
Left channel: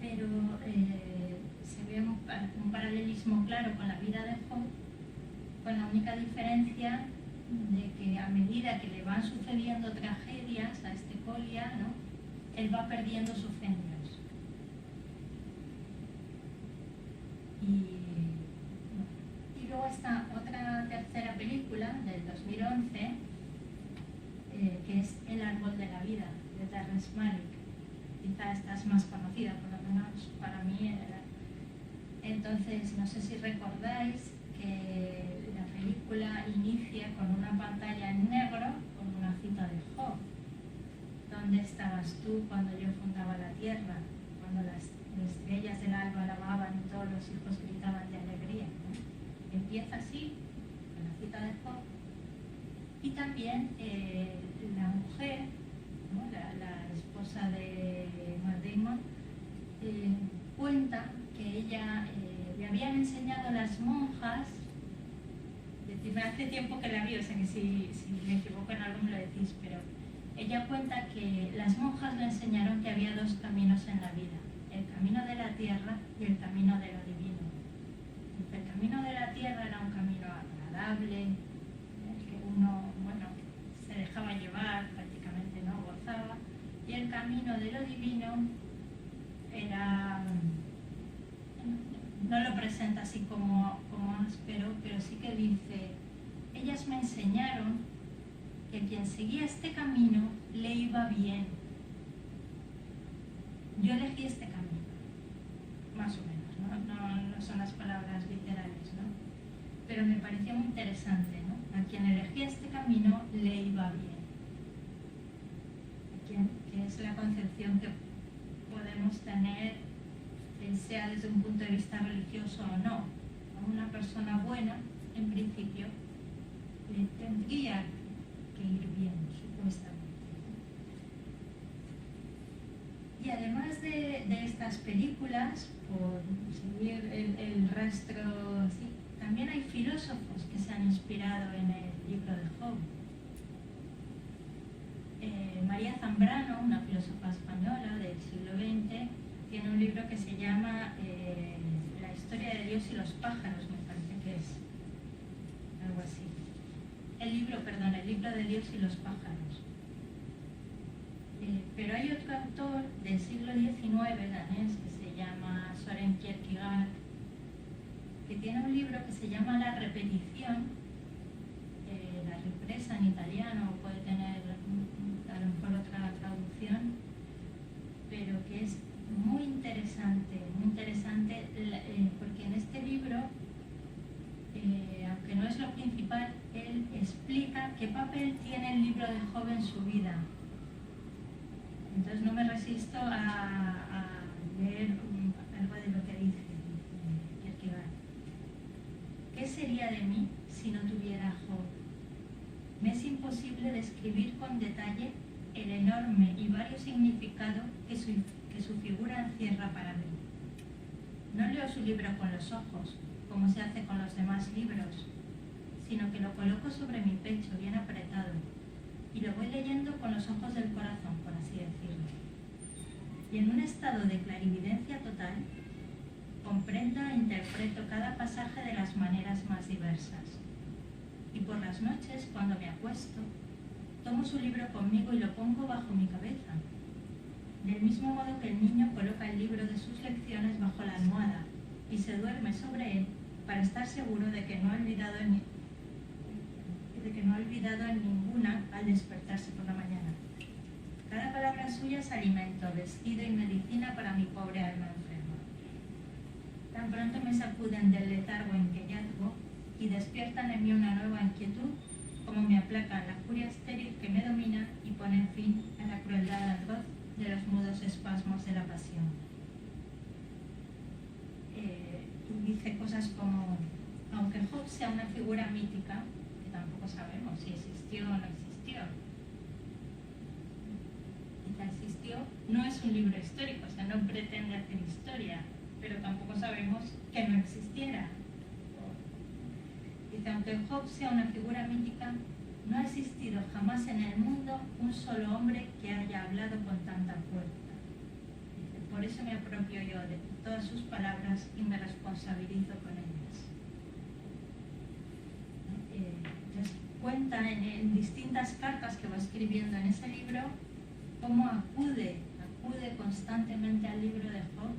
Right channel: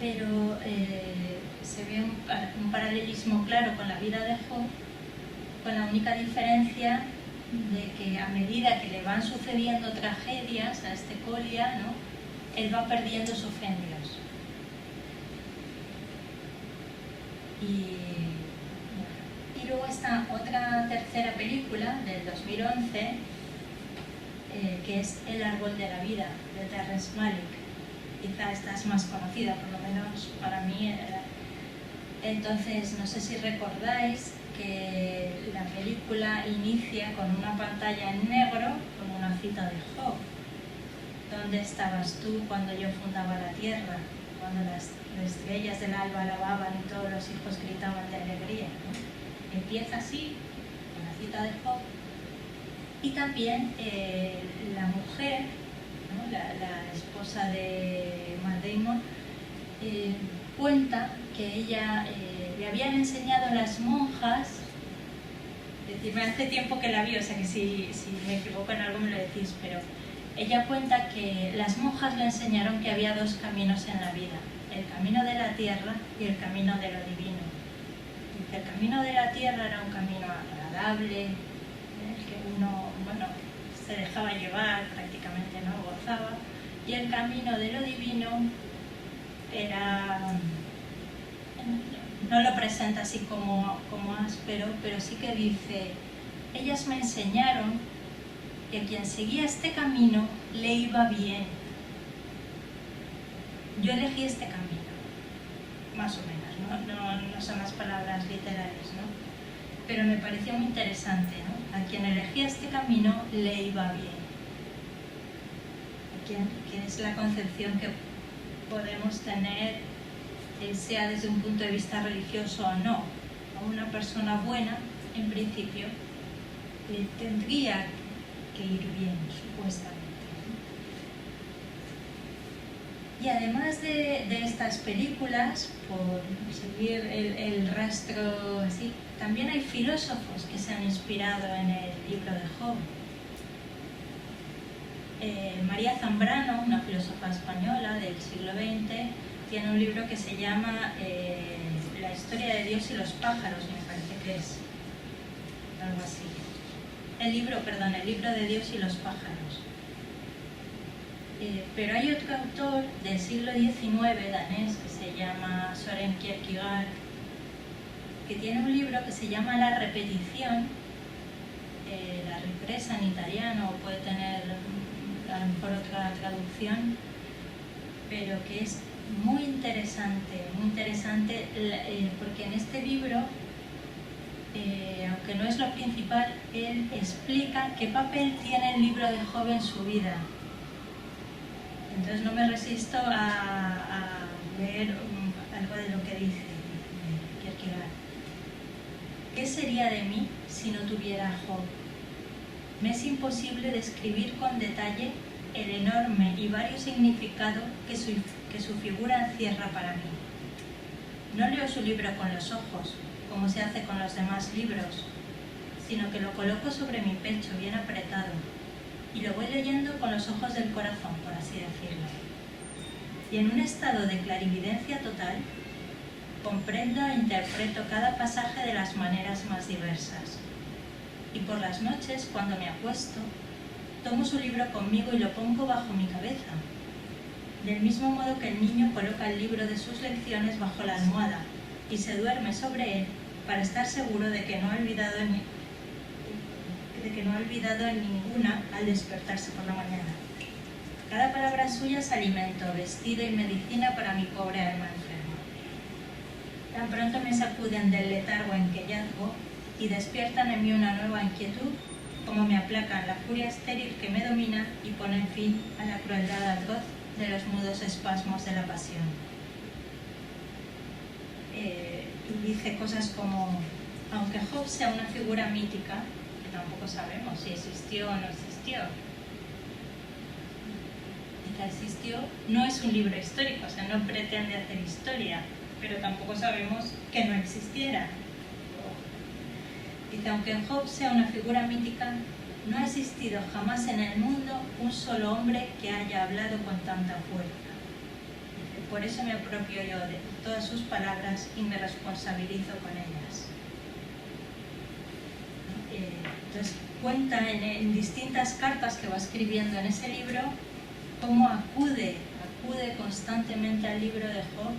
pero se ve un paralelismo claro con la vida de Job, con la única diferencia de que a medida que le van sucediendo tragedias a este Colia, ¿no? Él va perdiendo su fe en Dios. Y luego está otra tercera película del 2011, que es El árbol de la vida, de Terrence Malick. Quizá esta es más conocida, por lo menos para mí. Entonces, no sé si recordáis que la película inicia con una pantalla en negro, con una cita de Job. ¿Dónde estabas tú cuando yo fundaba la tierra? Cuando las estrellas del alba alababan y todos los hijos gritaban de alegría, ¿no? Empieza así, con la cita de Job. Y también la mujer, ¿no? la esposa de Matt Damon, cuenta que ella le habían enseñado las monjas, es decir, hace tiempo que la vi, o sea que si me equivoco en algo me lo decís, pero ella cuenta que las monjas le enseñaron que había dos caminos en la vida, el camino de la tierra y el camino de lo divino. El camino de la tierra era un camino agradable, uno, se dejaba llevar, prácticamente no gozaba, y el camino de lo divino era, no lo presenta así como áspero, pero sí que dice, ellas me enseñaron que quien seguía este camino le iba bien. Yo elegí este camino, más o menos, no son las palabras literales, ¿no? Pero me pareció muy interesante, ¿no? A quien elegía este camino le iba bien. Que es la concepción que podemos tener, sea desde un punto de vista religioso o no. A una persona buena, en principio, le tendría que ir bien, supuestamente. Y además de estas películas, por seguir el rastro así, también hay filósofos que se han inspirado en el libro de Job. María Zambrano, una filósofa española del siglo XX, tiene un libro que se llama La historia de Dios y los pájaros, me parece que es algo así. El libro de Dios y los pájaros. Pero hay otro autor del siglo XIX, danés, que se llama Søren Kierkegaard, que tiene un libro que se llama La repetición, la ripresa en italiano, puede tener a lo mejor otra traducción, pero que es muy interesante porque en este libro, aunque no es lo principal, él explica qué papel tiene el libro de Job en su vida. Entonces no me resisto a leer algo de lo que dice Kierkegaard. ¿Qué sería de mí si no tuviera a Job? Me es imposible describir con detalle el enorme y vario significado que su figura encierra para mí. No leo su libro con los ojos, como se hace con los demás libros, sino que lo coloco sobre mi pecho bien apretado y lo voy leyendo con los ojos del corazón, por así decirlo. Y en un estado de clarividencia total, comprendo e interpreto cada pasaje de las maneras más diversas. Y por las noches, cuando me acuesto, tomo su libro conmigo y lo pongo bajo mi cabeza, del mismo modo que el niño coloca el libro de sus lecciones bajo la almohada y se duerme sobre él para estar seguro de que no ha olvidado ninguna al despertarse por la mañana. Cada palabra suya es alimento, vestido y medicina para mi pobre alma enferma. Tan pronto me sacuden del letargo en que yazgo y despiertan en mí una nueva inquietud, como me aplacan la furia estéril que me domina y ponen fin a la crueldad atroz de los mudos espasmos de la pasión. Y dice cosas como, aunque Job sea una figura mítica, que tampoco sabemos si existió o no existió, existió, no es un libro histórico, o sea, no pretende hacer historia, pero tampoco sabemos que no existiera. Dice, aunque Job sea una figura mítica, no ha existido jamás en el mundo un solo hombre que haya hablado con tanta fuerza. Dice, por eso me apropio yo de todas sus palabras y me responsabilizo con ellas. Entonces cuenta en distintas cartas que va escribiendo en ese libro cómo acude constantemente al libro de Job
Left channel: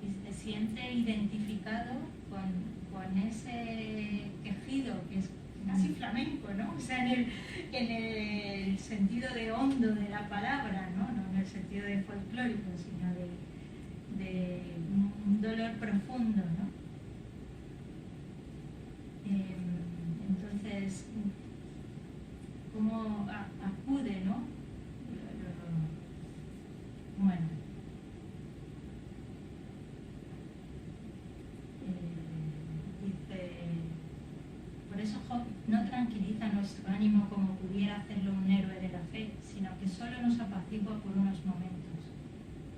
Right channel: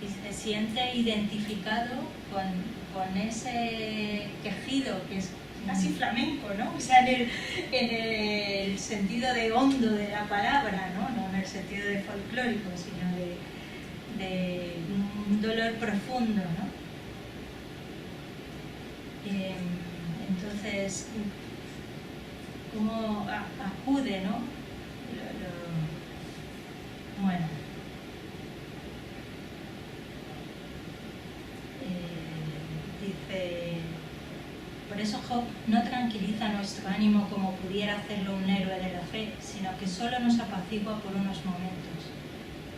y se siente identificado con ese quejido que es casi flamenco, ¿no? O sea, en el sentido de hondo de la palabra, no en el sentido de folclórico, sino de un dolor profundo, ¿no? Entonces, cómo acude, ¿no? Bueno, dice, por eso Job no tranquiliza nuestro ánimo como pudiera hacerlo un héroe de la fe, sino que solo nos apacigua por unos momentos.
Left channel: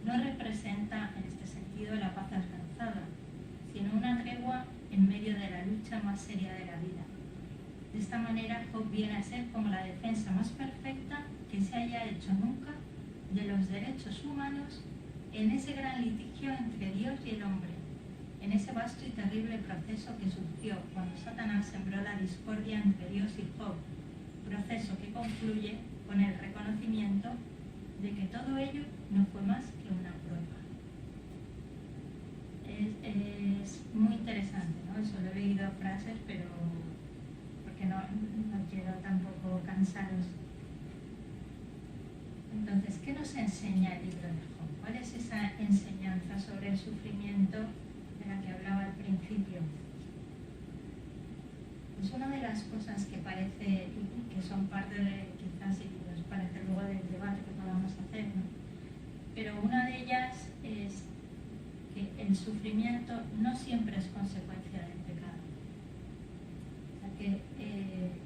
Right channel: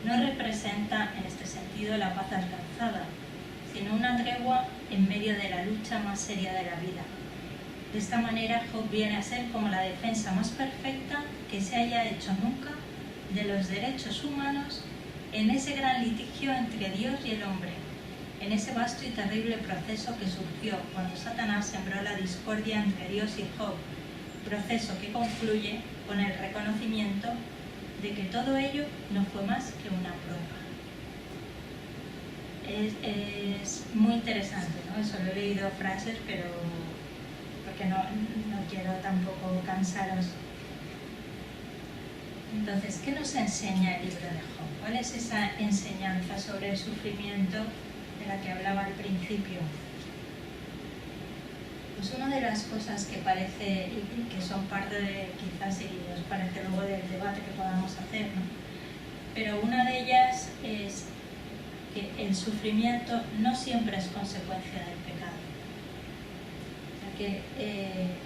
No representa en este sentido la paz alcanzada, sino una tregua en medio de la lucha más seria de la vida. De esta manera Job viene a ser como la defensa más perfecta que se haya hecho nunca de los derechos humanos en ese gran litigio entre Dios y el hombre, en ese vasto y terrible proceso que surgió cuando Satanás sembró la discordia entre Dios y Job, proceso que concluye con el reconocimiento de que todo ello no fue más que una prueba. Es muy interesante, ¿no? Solo he leído frases, pero porque no quiero tampoco cansaros. Entonces, ¿qué nos enseña el libro de Job? ¿Cuál es esa enseñanza sobre el sufrimiento de la que hablaba al principio? Pues una de las cosas que parece, y que son parte de, quizás si nos parece luego del debate que podamos hacer, ¿no? Pero una de ellas es que el sufrimiento no siempre es consecuencia del pecado. O sea que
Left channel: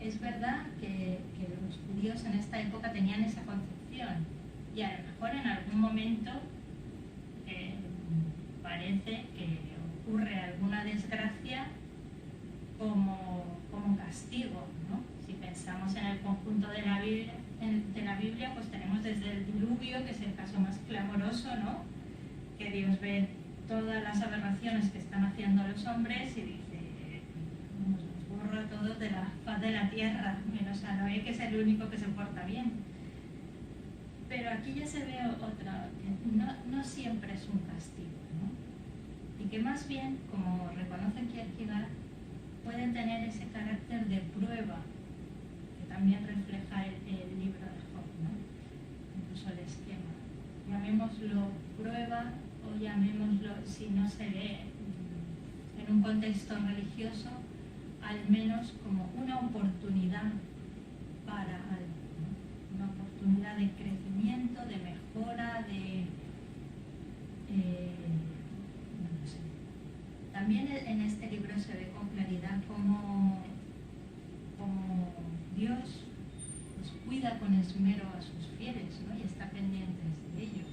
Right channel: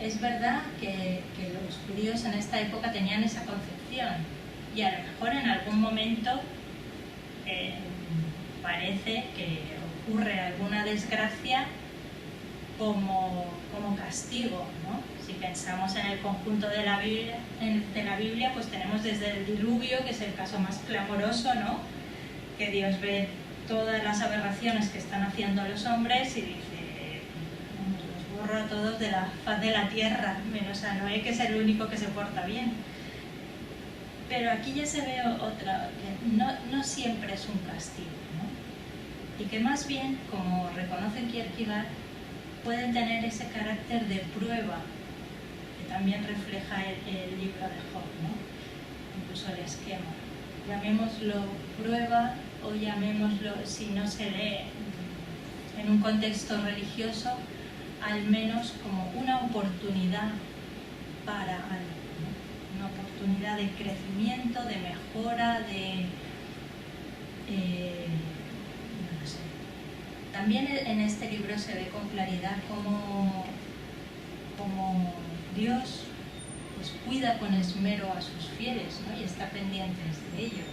es verdad que los judíos en esta época tenían esa concepción, y a lo mejor en algún momento parece que ocurre alguna desgracia como castigo, ¿no? Si pensamos en el conjunto de la Biblia, pues tenemos desde el diluvio, que es el caso más clamoroso, ¿no? Que Dios ve todas las aberraciones que están haciendo los hombres y dice, los borro a todos de la faz de la tierra, menos a Noé, que es el único que se porta bien. Pero aquí ya se ve otra, que no siempre es un castigo, ¿no? Y que más bien, como reconoce Kierkegaard, pueden tener ese carácter de prueba, que también refleja el libro de Job, ¿no? Incluso el esquema. Llamémoslo prueba o llamémoslo, si no se lee en un contexto religioso, al menos como una oportunidad para algo, ¿no? Una oportunidad oportunidad de crecimiento, de mejora, no sé. También en este libro se ve con claridad cómo Dios pues, cuida con esmero a sus fieles, ¿no? Y está pendiente de ellos.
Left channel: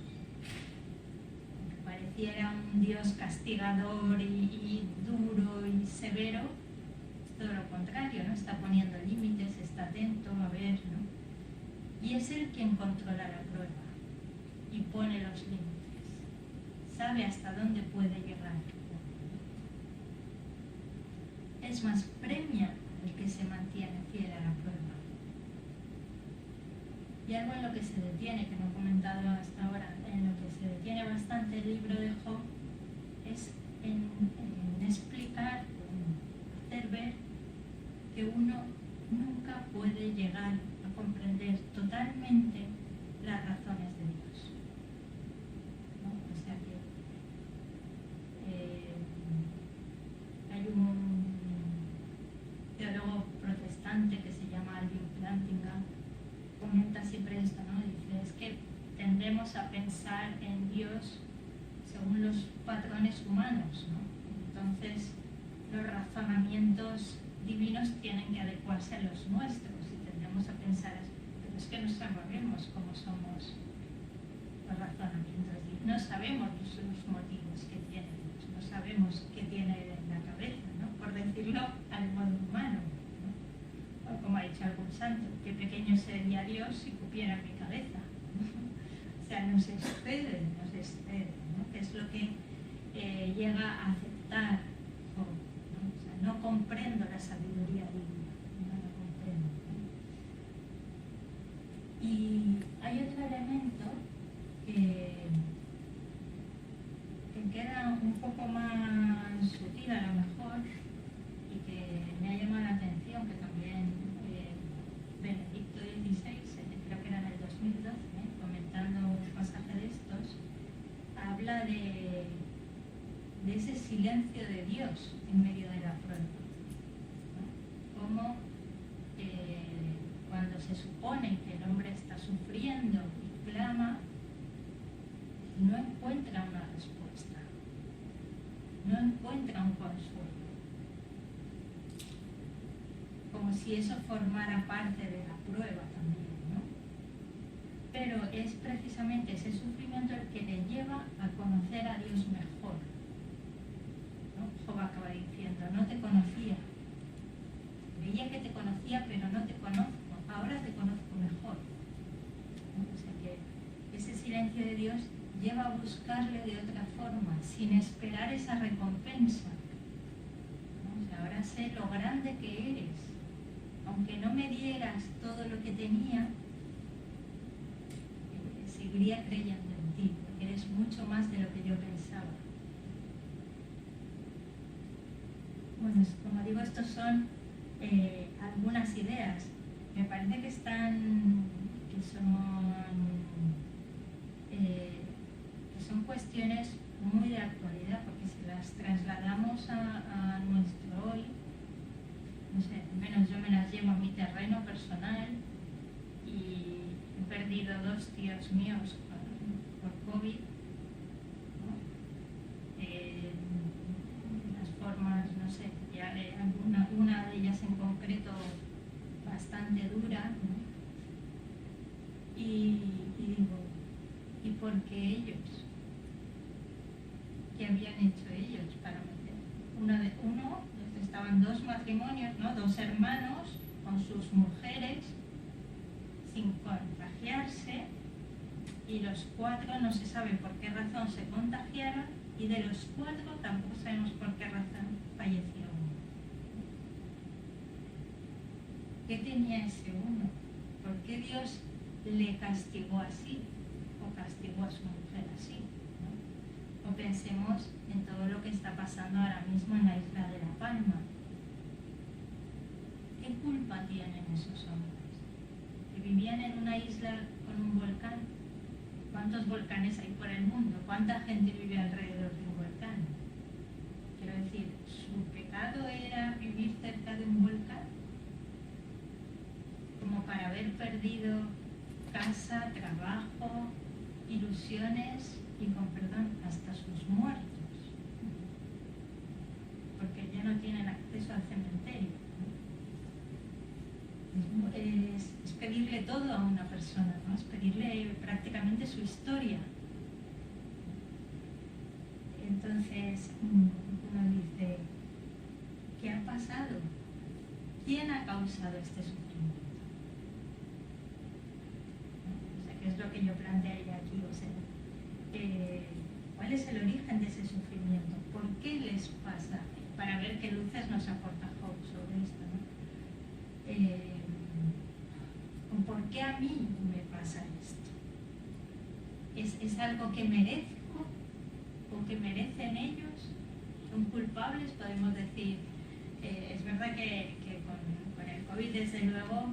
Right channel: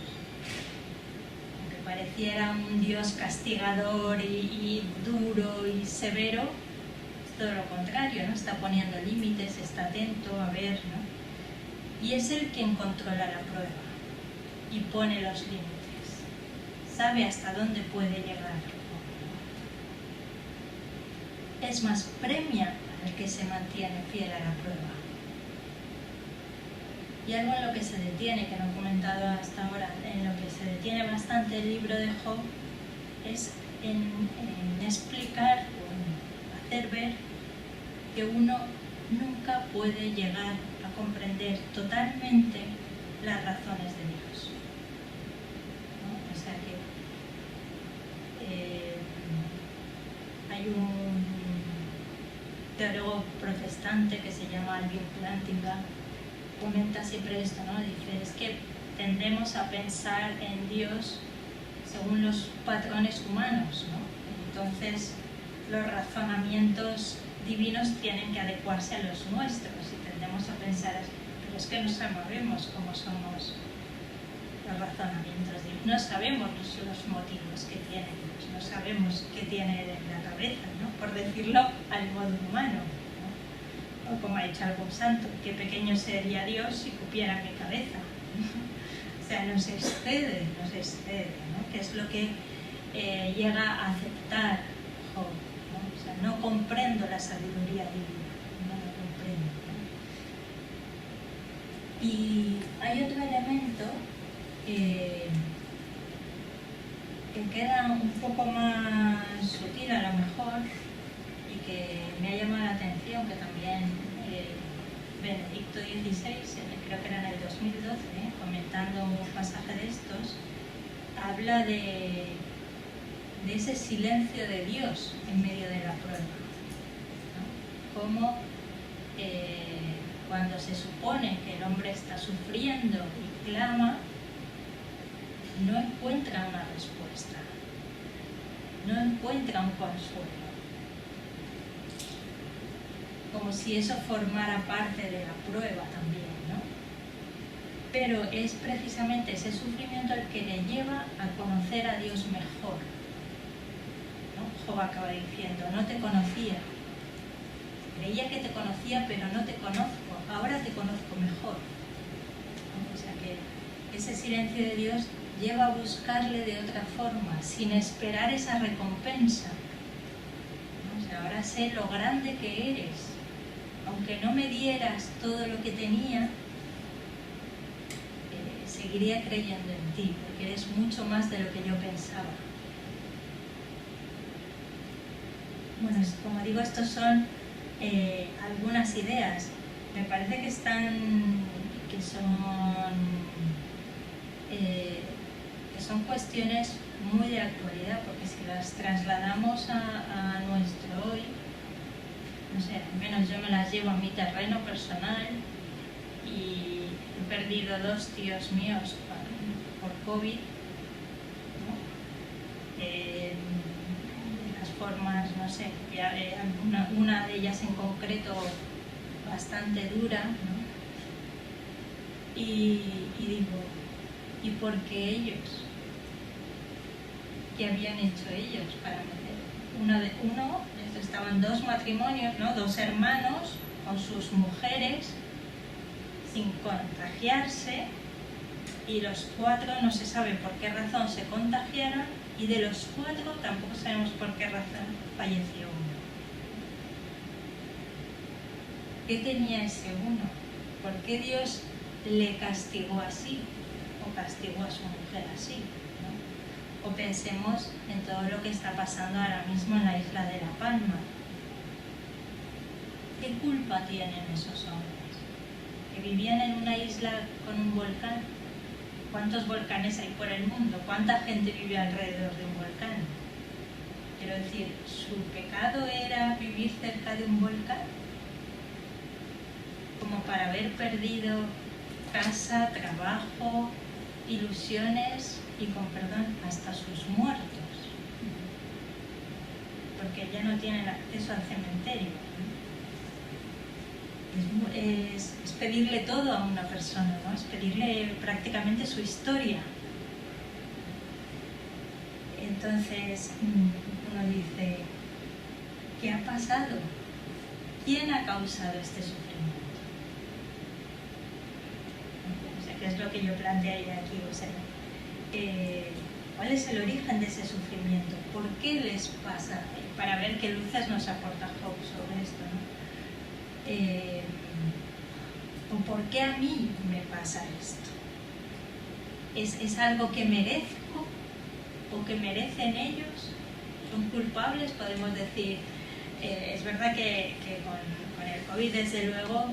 Aunque pareciera un Dios castigador y duro y severo, es todo lo contrario, ¿no? Está poniendo límites, está atento a ver, ¿no? Y es Él quien controla la prueba y pone los límites. Sabe hasta dónde puede llegar. Es más, premia al que se mantiene fiel a la prueba. Y algo en lo que se detiene, que no he comentado hasta ahora, en lo que se detiene bastante el libro de Job, es en explicar, o hacer ver que uno nunca puede llegar a comprender totalmente las razones de Dios, ¿no? O sea que hay un teólogo protestante que se llama Alvin Plantinga, comenta siempre esto, ¿no? Dice, es que tendemos a pensar en Dios según los patrones humanos, ¿no? Entonces los razonamientos divinos tienen que adecuarse a los nuestros y tendemos a pensar, pero es que no sabemos cómo somos los razonamientos divinos, no sabemos los motivos que tiene Dios, no sabemos qué tiene en la cabeza, ¿no? Por decirlo al modo humano, ¿no? O como ha dicho algún santo, qué pequeño sería Dios si cupiera mi cabeza. O sea, nos excede, ¿no? Que es lo que llega a aceptar Job, ¿no? O sea, no comprendo la sabiduría divina, no lo comprendo, ¿no? Y hay otro elemento que queda un poco más sutil a lo mejor y que me ha llamado la atención, que también Benedicto XVI, creo que era en el 2012, comentando un pasaje de estos, habla de ese silencio de Dios en medio de la prueba, ¿no? Como cuando se supone que el hombre está sufriendo y clama, no encuentra una respuesta, no encuentra un consuelo, como si eso formara parte de la prueba también, ¿no? Pero es precisamente ese sufrimiento el que le lleva a conocer a Dios mejor, ¿no? Job acaba diciendo, no te conocía, creía que te conocía pero no te conozco, ahora te conozco mejor, ¿no? O sea que ese silencio de Dios lleva a buscarle de otra forma, sin esperar esa recompensa. O sea, ahora sé lo grande que eres. Aunque no me dieras todo lo que tenía, seguiría creyendo en ti, porque eres mucho más de lo que yo pensaba. Bueno, como digo, estos son algunas ideas. Me parece que son cuestiones muy de actualidad, porque si las trasladamos a nuestro hoy, no sé, al menos yo me las llevo a mi terreno personal y he perdido 2 tíos míos por COVID, ¿no? Las formas, no sé, una de ellas en concreto bastante dura, ¿no? Y digo, ¿y por qué ellos? ¿Qué habían hecho ellos para meter? Estaban 2 matrimonios, ¿no? 2 hermanos con sus mujeres sin contagiarse, y los 4 no se sabe por qué razón se contagiaron, y de los 4 tampoco sabemos por qué razón falleció uno. ¿Qué tenía ese uno? ¿Por qué Dios le castigó así? ¿O castigó a su mujer así? ¿No? O pensemos en todo lo que está pasando ahora mismo en la isla de La Palma. ¿Qué culpa tienen esos hombres? ¿Que vivían en una isla con un volcán? ¿Cuántos volcanes hay por el mundo? ¿Cuánta gente vive alrededor de un volcán? Quiero decir, ¿su pecado era vivir cerca de un volcán? Como para haber perdido casa, trabajo, ilusiones y, con perdón, hasta sus muertos. Porque ya no tienen acceso al cementerio. Es pedirle todo a una persona, ¿no? Es pedirle prácticamente su historia. Entonces uno dice, ¿qué ha pasado? ¿Quién ha causado este sufrimiento? O sea, ¿qué es lo que yo plantearía aquí? O sea, ¿cuál es el origen de ese sufrimiento? ¿Por qué les pasa? Para ver qué luces nos aporta Job sobre esto, ¿no? ¿O por qué a mí me pasa esto? ¿Es algo que merezco o que merecen ellos? ¿Son culpables? Podemos decir, es verdad que con el COVID, desde luego,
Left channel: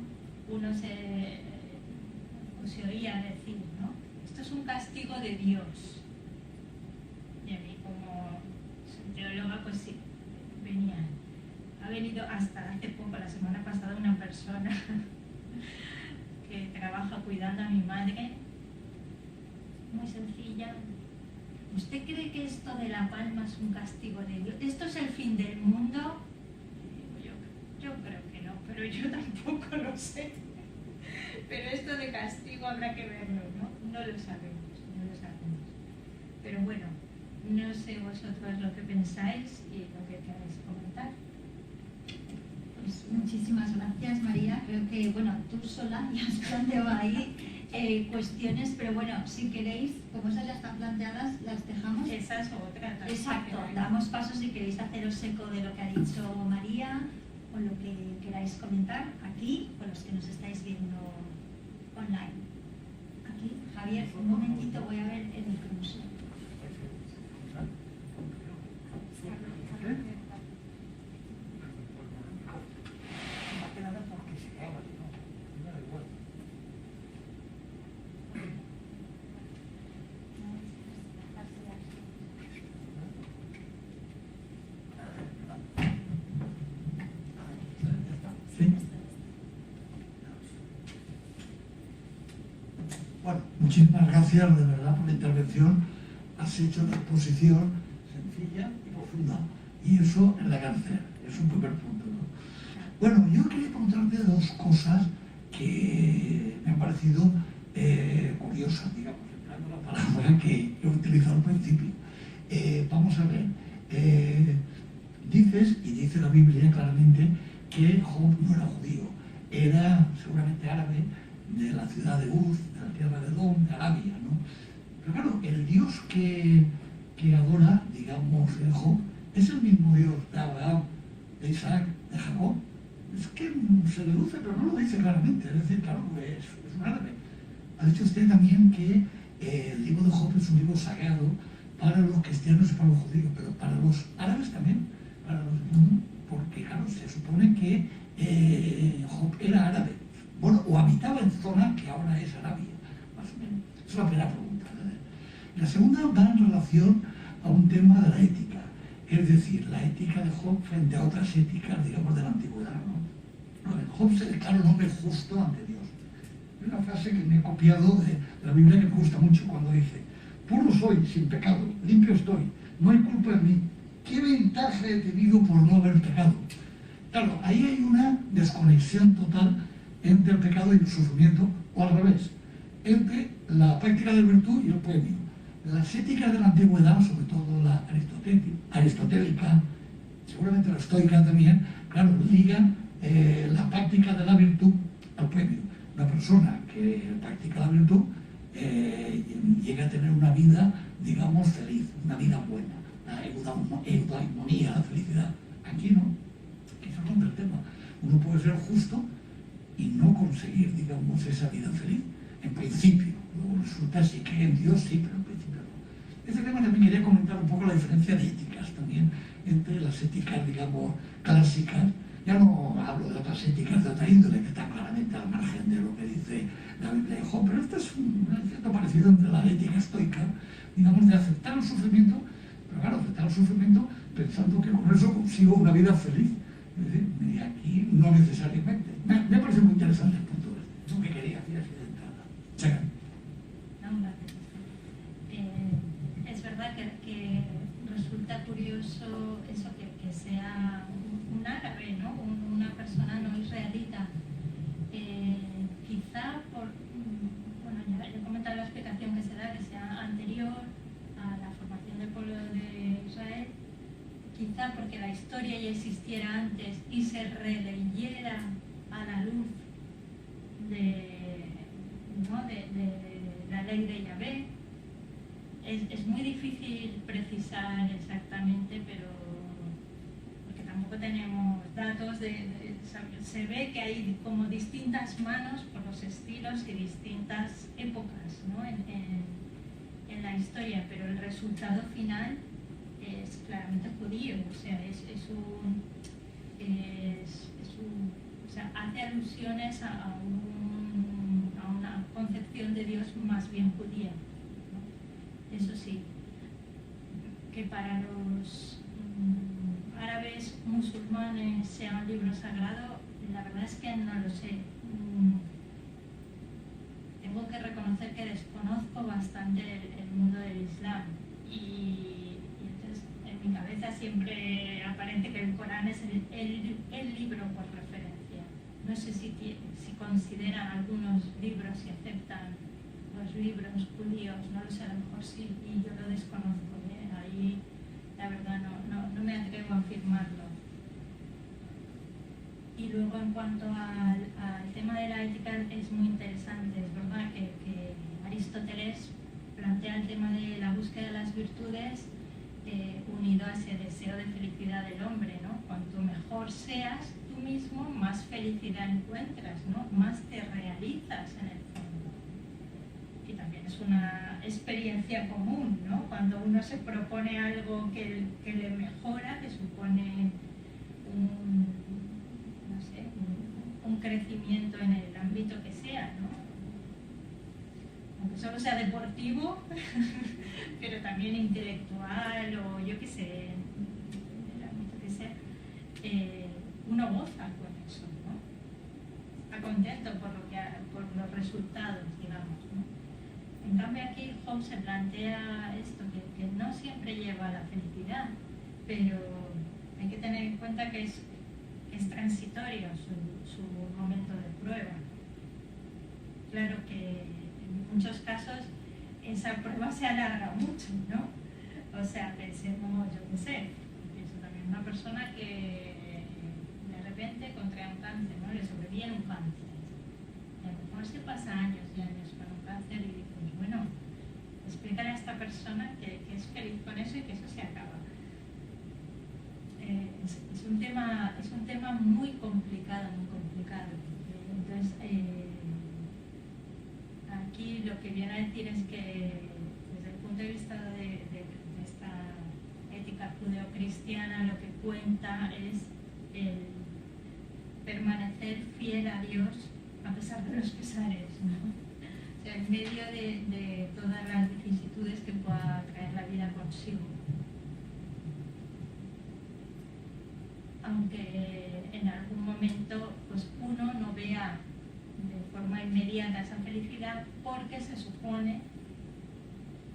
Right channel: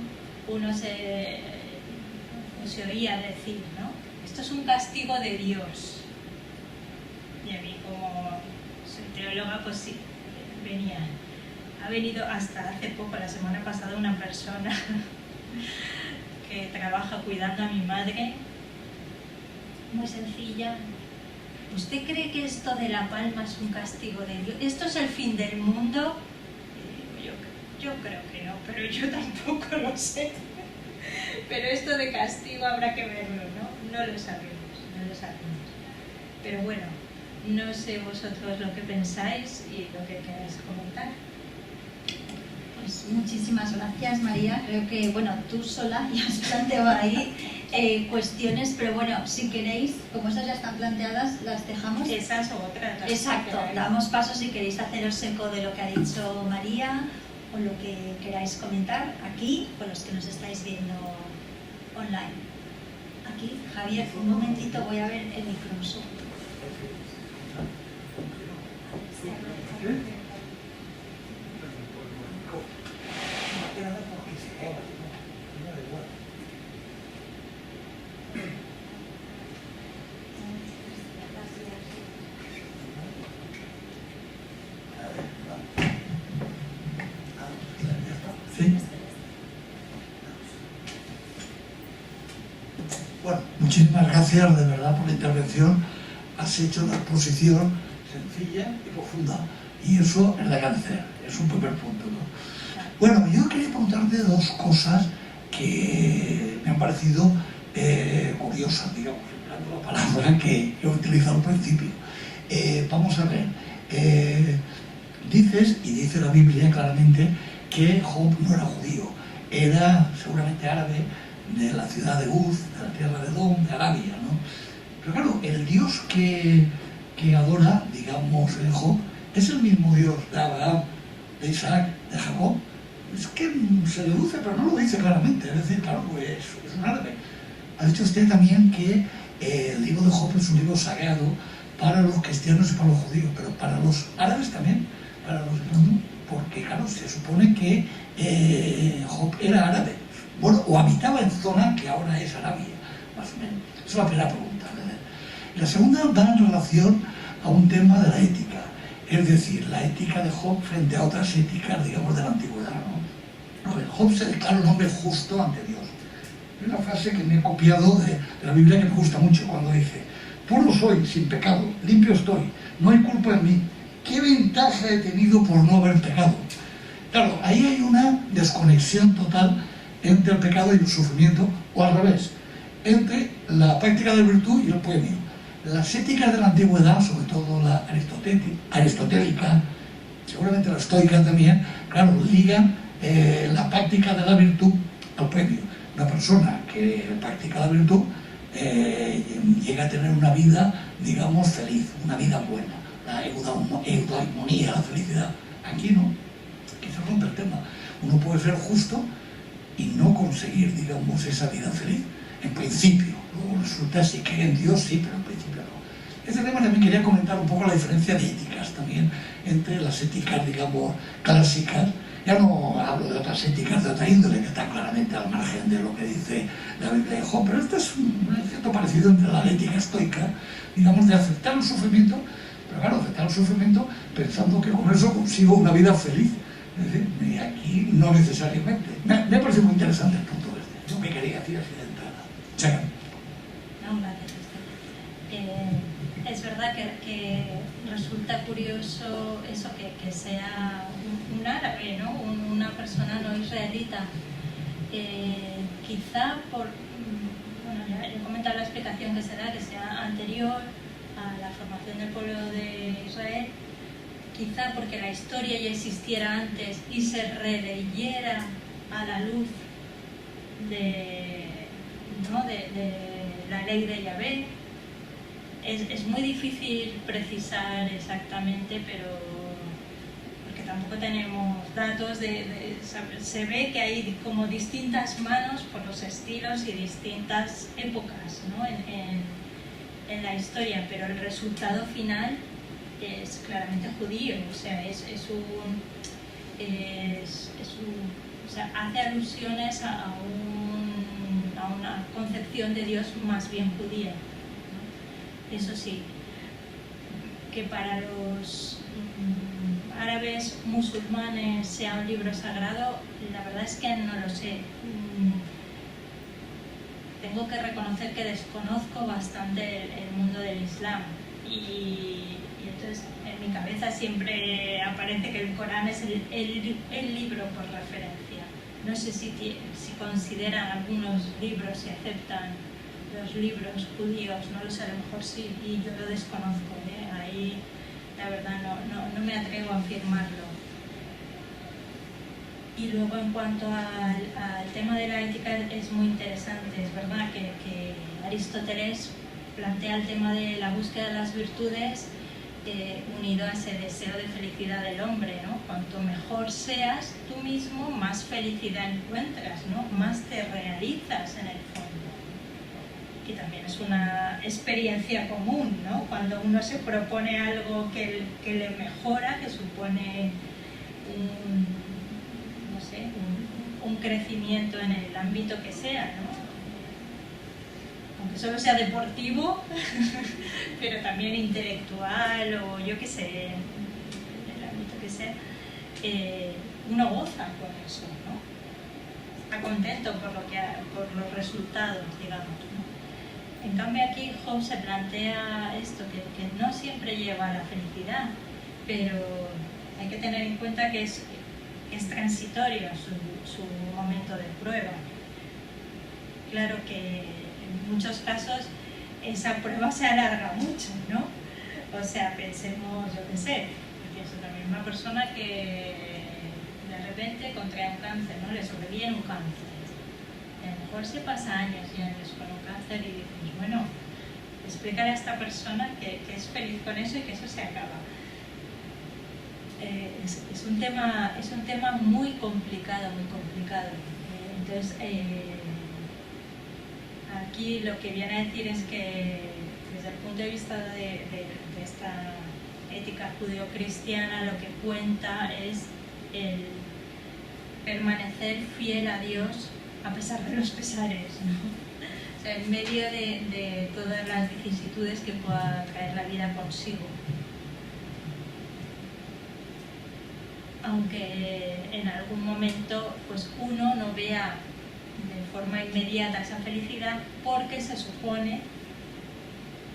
uno se oía decir, ¿no? Esto es un castigo de Dios. Y a mí, como soy teóloga, pues sí, ha venido hasta hace poco, la semana pasada, una persona que trabaja cuidando a mi madre, muy sencilla. ¿Usted cree que esto de la palma es un castigo de Dios? ¿Esto es el fin del mundo? Yo creo que no, pero yo tampoco lo sé. Pero esto de castigo habrá que verlo, ¿no? No lo sabemos, no lo sabemos. Pero bueno, no sé vosotros lo que pensáis y lo que queráis comentar. Pues muchísimas gracias, María. Creo que, bueno, tú sola ya has planteado ahí cuestiones, pero bueno, si queréis, como esas ya están planteadas, las dejamos. Esas o otras. Exacto, damos paso si queréis haceros eco de lo que ha dicho María o lo que queráis comentar aquí, con los que nos estáis viendo online. Aquí, Javier, un momentito, voy a ver el micrófono. Bueno, muchísimas gracias de verdad por la intervención. Has hecho una exposición sencilla y profunda, y eso es de agradecer, es un primer punto, ¿no? Bueno, yo quería preguntarte dos cosas que me han parecido curiosas, digamos, empleando la palabra que he utilizado al principio. Vamos a ver, dices, y dice la Biblia claramente, que Job no era judío, era seguramente árabe, de la ciudad de Uz, de la tierra de Edom, de Arabia, ¿no? Pero claro, el Dios que adora, digamos, Job, es el mismo Dios de Abraham, de Isaac, de Jacob. Es que se deduce, pero no lo dice claramente. Es decir, claro, pues es un árabe. Ha dicho usted también que el libro de Job es un libro sagrado para los cristianos y para los judíos, pero para los árabes también, para los porque claro, se supone que Job era árabe, bueno, o habitaba en zona que ahora es Arabia, más o menos. Esa es la primera pregunta, ¿verdad? La segunda va en relación a un tema de la ética, es decir, la ética de Job frente a otras éticas, digamos, de la antigüedad, ¿no? A ver, Job se declara un hombre justo ante Dios. Hay una frase que me he copiado de la Biblia que me gusta mucho, cuando dice: puro soy, sin pecado, limpio estoy, no hay culpa en mí. ¿Qué ventaja he tenido por no haber pecado? Claro, ahí hay una desconexión total entre el pecado y el sufrimiento, o al revés, entre la práctica de virtud y el premio. Las éticas de la antigüedad, sobre todo la aristotélica, seguramente la estoica también, claro, ligan la práctica de la virtud al premio. Una persona que practica la virtud llega a tener una vida, digamos, feliz, una vida buena, la eudaimonia, la felicidad. Aquí no, aquí se rompe el tema. Uno puede ser justo y no conseguir, digamos, esa vida feliz, en principio. Luego resulta, si cree en Dios, sí, pero en principio no. Este tema también quería comentar un poco la diferencia de éticas también, entre las éticas, digamos, clásicas. Ya no hablo de otras éticas de otra índole, que están claramente al margen de lo que dice la Biblia de Job, pero este es un cierto parecido entre la ética estoica, digamos, de aceptar el sufrimiento, pero claro, aceptar el sufrimiento pensando que con eso consigo una vida feliz. Es decir, y aquí no necesariamente. Me ha parecido muy interesante el punto este. Yo me quería decir así de entrada. Chacan. No, gracias. Es verdad que resulta curioso eso, que sea un árabe, ¿no? Una persona no israelita. Quizá por, bueno, ya he comentado la explicación que será que sea anterior a la formación del pueblo de Israel, quizá porque la historia ya existiera antes y se releyera a la luz de la ley de Yahvé. Es muy difícil precisar exactamente, pero porque tampoco tenemos datos se ve que hay como distintas manos por los estilos y distintas épocas, ¿no? en la historia, pero el resultado final es claramente judío, o sea, o sea, hace alusiones a una concepción de Dios más bien judía. Eso sí, que para los árabes musulmanes sea un libro sagrado, la verdad es que no lo sé. Tengo que reconocer que desconozco bastante el mundo del Islam y entonces en mi cabeza siempre aparece que el Corán es el libro por referencia. No sé si consideran algunos libros, si aceptan los libros judíos, no lo sé, a lo mejor sí, y yo lo desconozco, ahí la verdad no me atrevo a afirmarlo. Y luego en cuanto al tema de la ética es muy interesante, es verdad que Aristóteles plantea el tema de la búsqueda de las virtudes unido a ese deseo de felicidad del hombre, ¿no? Cuanto mejor seas tú mismo, más felicidad encuentras, ¿no? Más te realizas en el fondo. Que también es una experiencia común, ¿no? Cuando uno se propone algo que le mejora, que supone un crecimiento en el ámbito que sea, ¿no? Aunque solo sea deportivo, pero también intelectual o yo qué sé, en el ámbito que sea, uno goza con eso, ¿no? Está contento por los resultados, digamos, ¿no? En cambio aquí Job se plantea esto, que no siempre lleva a la felicidad, pero hay que tener en cuenta que es transitorio su momento de prueba. Claro que en muchos casos esa prueba se alarga mucho, ¿no? O sea, pensemos, yo qué sé, pienso también una persona que de repente contrae un cáncer, ¿no? Le sobreviene un cáncer. Y a lo mejor se pasa años y años con un cáncer y dices, bueno, explícale a esta persona que es feliz con eso y que eso se acaba. Es un tema muy complicado, muy complicado. Entonces, aquí lo que viene a decir es que desde el punto de vista de esta ética judeocristiana, lo que cuenta es el permanecer fiel a Dios a pesar de los pesares, ¿no? O sea, en medio de todas las vicisitudes que pueda traer la vida consigo. Aunque en algún momento pues uno no vea de forma inmediata esa felicidad, porque se supone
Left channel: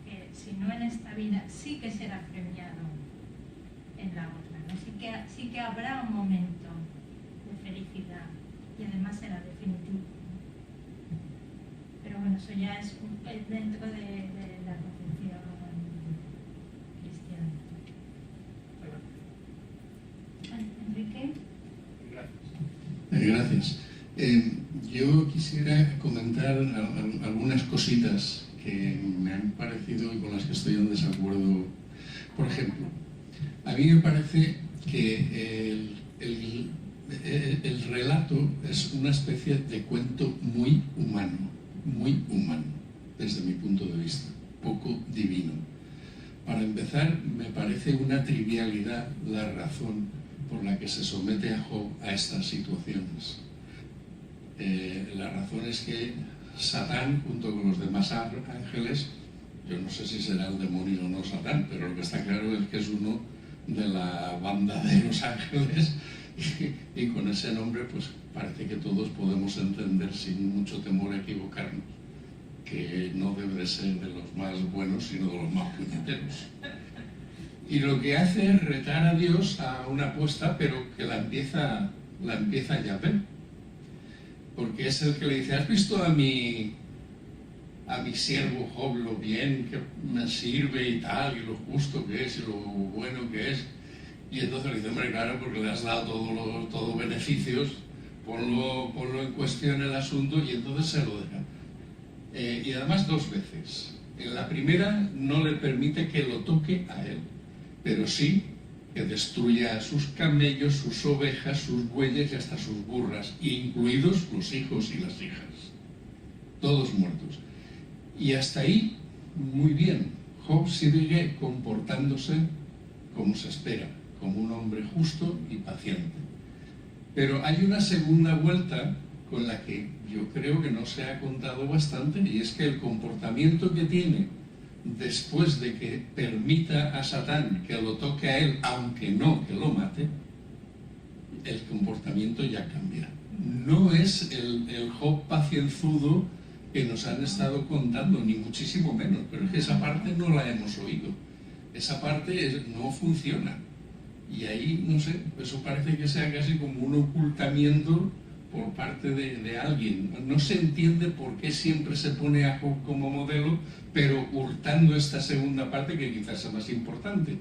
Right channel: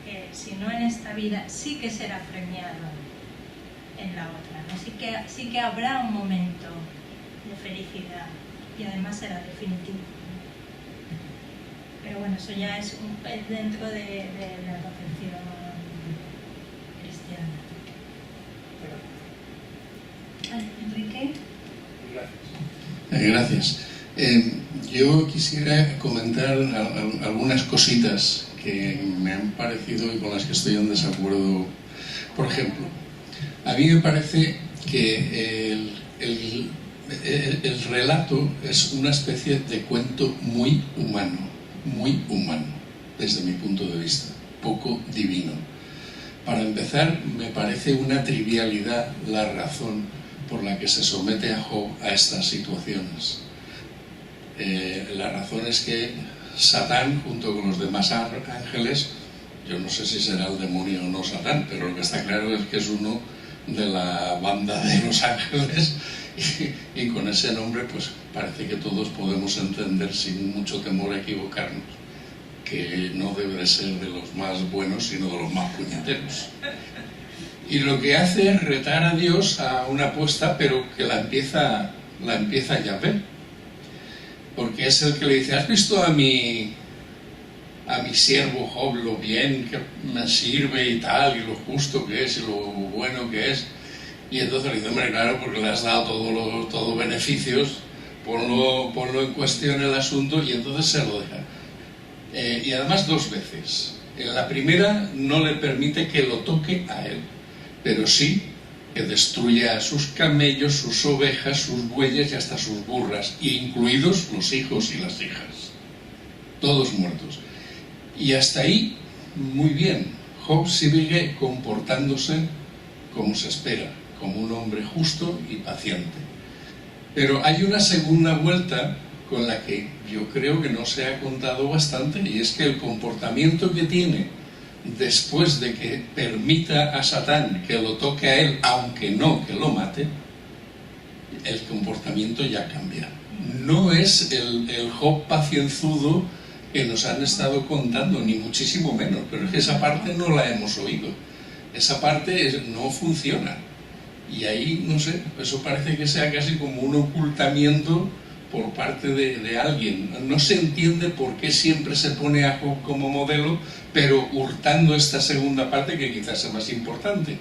que si no en esta vida sí que será premiado en la otra, ¿no? Sí que habrá un momento de felicidad y además será definitivo. Pero bueno, eso ya es dentro de la concepción cristiana. Enrique. Gracias. Yo quisiera comentar algunas cositas que me han parecido y con las que estoy en desacuerdo. Por ejemplo, a mí me parece que el relato es una especie de cuento muy humano, desde mi punto de vista, poco divino. Para empezar, me parece una trivialidad la razón por la que se somete a Job a estas situaciones. La razón es que Satán, junto con los demás ángeles, yo no sé si será el demonio o no Satán, pero lo que está claro es que es uno de la banda de los ángeles y con ese nombre pues parece que todos podemos entender sin mucho temor a equivocarnos que no debe de ser de los más buenos, sino de los más puñeteros. Y lo que hace es retar a Dios a una apuesta, pero que la empieza Yahvé. Porque es el que le dice, ¿has visto a mi siervo Job lo bien que me sirve y tal, y lo justo que es, y lo bueno que es? Y entonces le dice, hombre, claro, porque le has dado todos beneficios, ponlo en cuestión el asunto, y entonces se lo deja. Y además 2 veces. En la primera no le permite que lo toque a él, pero sí que destruya a sus camellos, sus ovejas, sus bueyes y hasta sus burras, incluidos los hijos y las hijas, todos muertos. Y hasta ahí, muy bien, Job sigue comportándose como se espera, como un hombre justo y paciente. Pero hay una segunda vuelta con la que yo creo que no se ha contado bastante, y es que el comportamiento que tiene después de que permita a Satán que lo toque a él, aunque no que lo mate, el comportamiento ya cambia. No es el Job pacienzudo que nos han estado contando, ni muchísimo menos, pero es que esa parte no la hemos oído. Esa parte no funciona. Y ahí, no sé, eso parece que sea casi como un ocultamiento por parte de alguien. No se entiende por qué siempre se pone a Job como modelo, pero hurtando esta segunda parte, que quizás es más importante,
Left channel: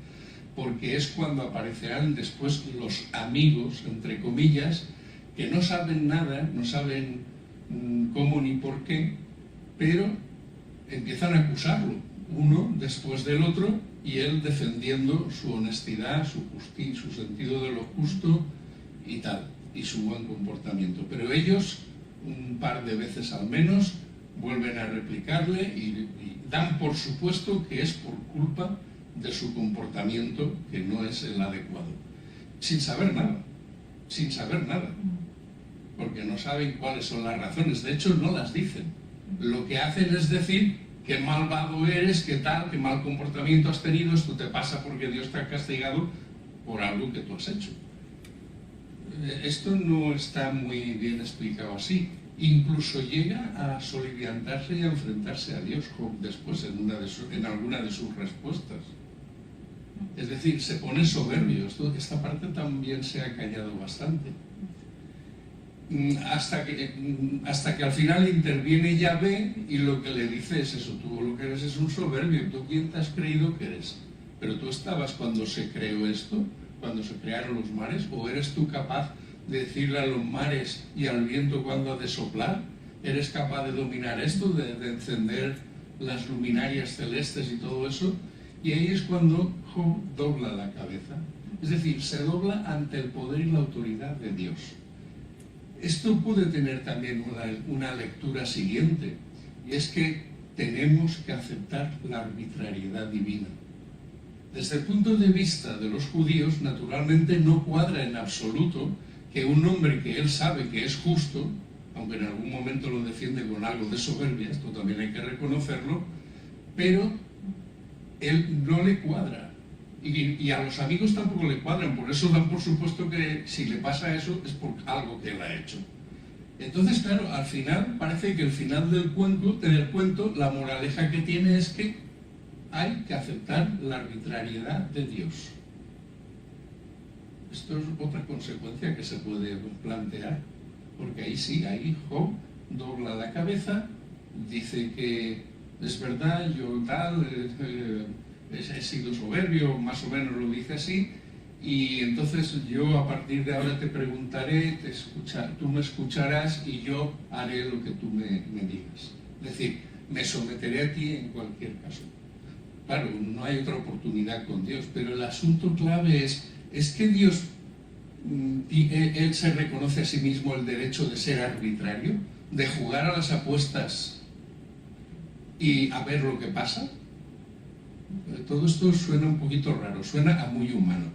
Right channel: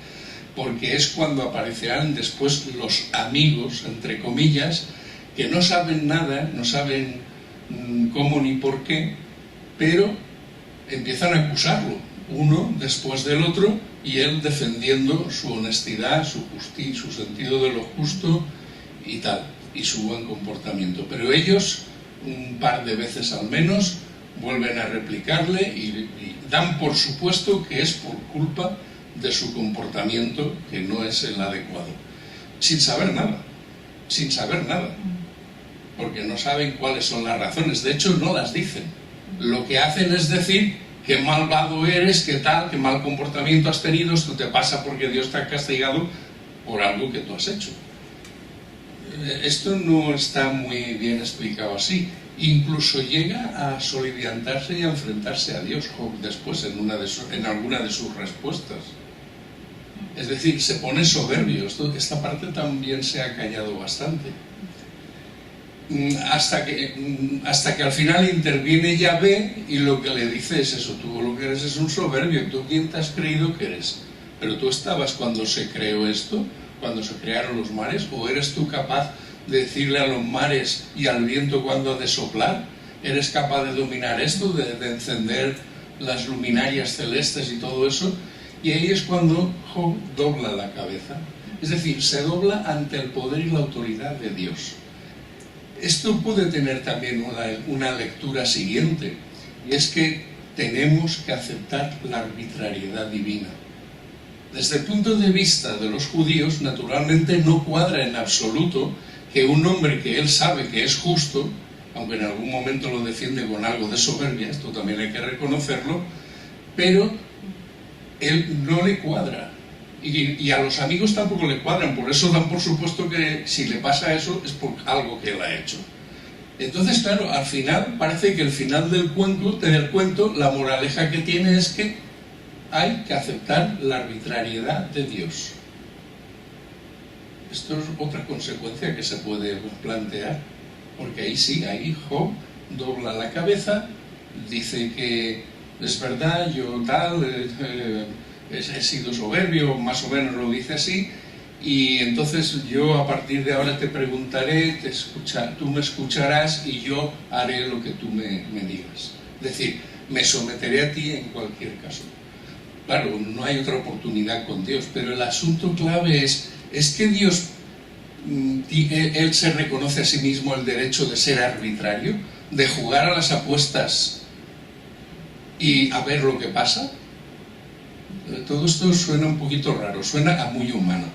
porque es cuando aparecerán después los amigos, entre comillas, que no saben nada, no saben cómo ni por qué, pero empiezan a acusarlo, uno después del otro, y él defendiendo su honestidad, su justicia, su sentido de lo justo y tal, y su buen comportamiento. Pero ellos, un par de veces al menos, vuelven a replicarle y dan por supuesto que es por culpa de su comportamiento, que no es el adecuado, sin saber nada, porque no saben cuáles son las razones. De hecho, no las dicen. Lo que hacen es decir: qué malvado eres, qué tal, qué mal comportamiento has tenido, esto te pasa porque Dios te ha castigado por algo que tú has hecho. Esto no está muy bien explicado así. Incluso llega a soliviantarse y a enfrentarse a Dios después en alguna de sus respuestas. Es decir, se pone soberbio. Esta parte también se ha callado bastante. Hasta que al final interviene Yahvé y lo que le dice es eso: tú lo que eres es un soberbio, ¿tú quién te has creído que eres? Pero tú estabas cuando se creó esto, cuando se crearon los mares, ¿o eres tú capaz de decirle a los mares y al viento cuándo ha de soplar? ¿Eres capaz de dominar esto, de encender las luminarias celestes y todo eso? Y ahí es cuando Job dobla la cabeza, es decir, se dobla ante el poder y la autoridad de Dios. Esto puede tener también una lectura siguiente, y es que tenemos que aceptar la arbitrariedad divina. Desde el punto de vista de los judíos, naturalmente no cuadra en absoluto que un hombre que él sabe que es justo, aunque en algún momento lo defiende con algo de soberbia, esto también hay que reconocerlo, pero él no le cuadra. Y a los amigos tampoco le cuadran, por eso dan por supuesto que si le pasa eso es por algo que él ha hecho. Entonces, claro, al final parece que el final del cuento, la moraleja que tiene es que hay que aceptar la arbitrariedad de Dios. Esto es otra consecuencia que se puede plantear, porque ahí sí, ahí Job dobla la cabeza, dice que es verdad, yo tal, he sido soberbio, más o menos lo dice así, y entonces yo a partir de ahora te preguntaré, tú me escucharás y yo haré lo que tú me digas. Es decir, me someteré a ti en cualquier caso. Claro, no hay otra oportunidad con Dios, pero el asunto clave es que Dios, él se reconoce a sí mismo el derecho de ser arbitrario, de jugar a las apuestas y a ver lo que pasa. Todo esto suena un poquito raro, suena a muy humano,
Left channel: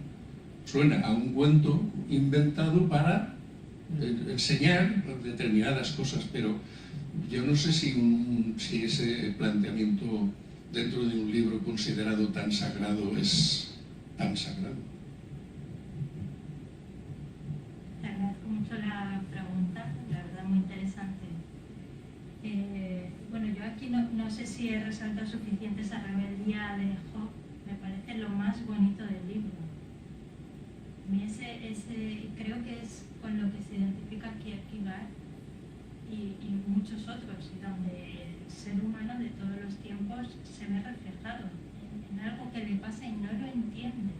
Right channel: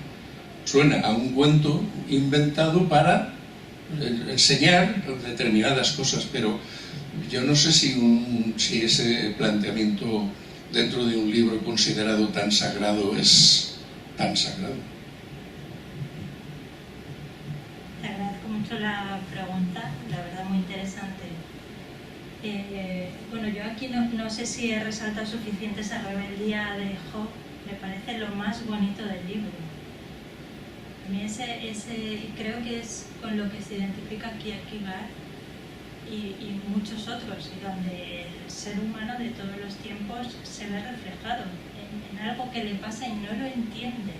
suena a un cuento inventado para enseñar determinadas cosas, pero yo no sé si ese planteamiento dentro de un libro considerado tan sagrado es tan sagrado. Te agradezco mucho la pregunta, la verdad muy interesante. Bueno, yo aquí no sé si he resaltado suficiente esa rebeldía de Job, me parece lo más bonito del libro. A mí creo que es con lo que se identifica aquí Kierkegaard y muchos otros, y donde el ser humano de todos los tiempos se ve reflejado en algo que le pasa y no lo entiende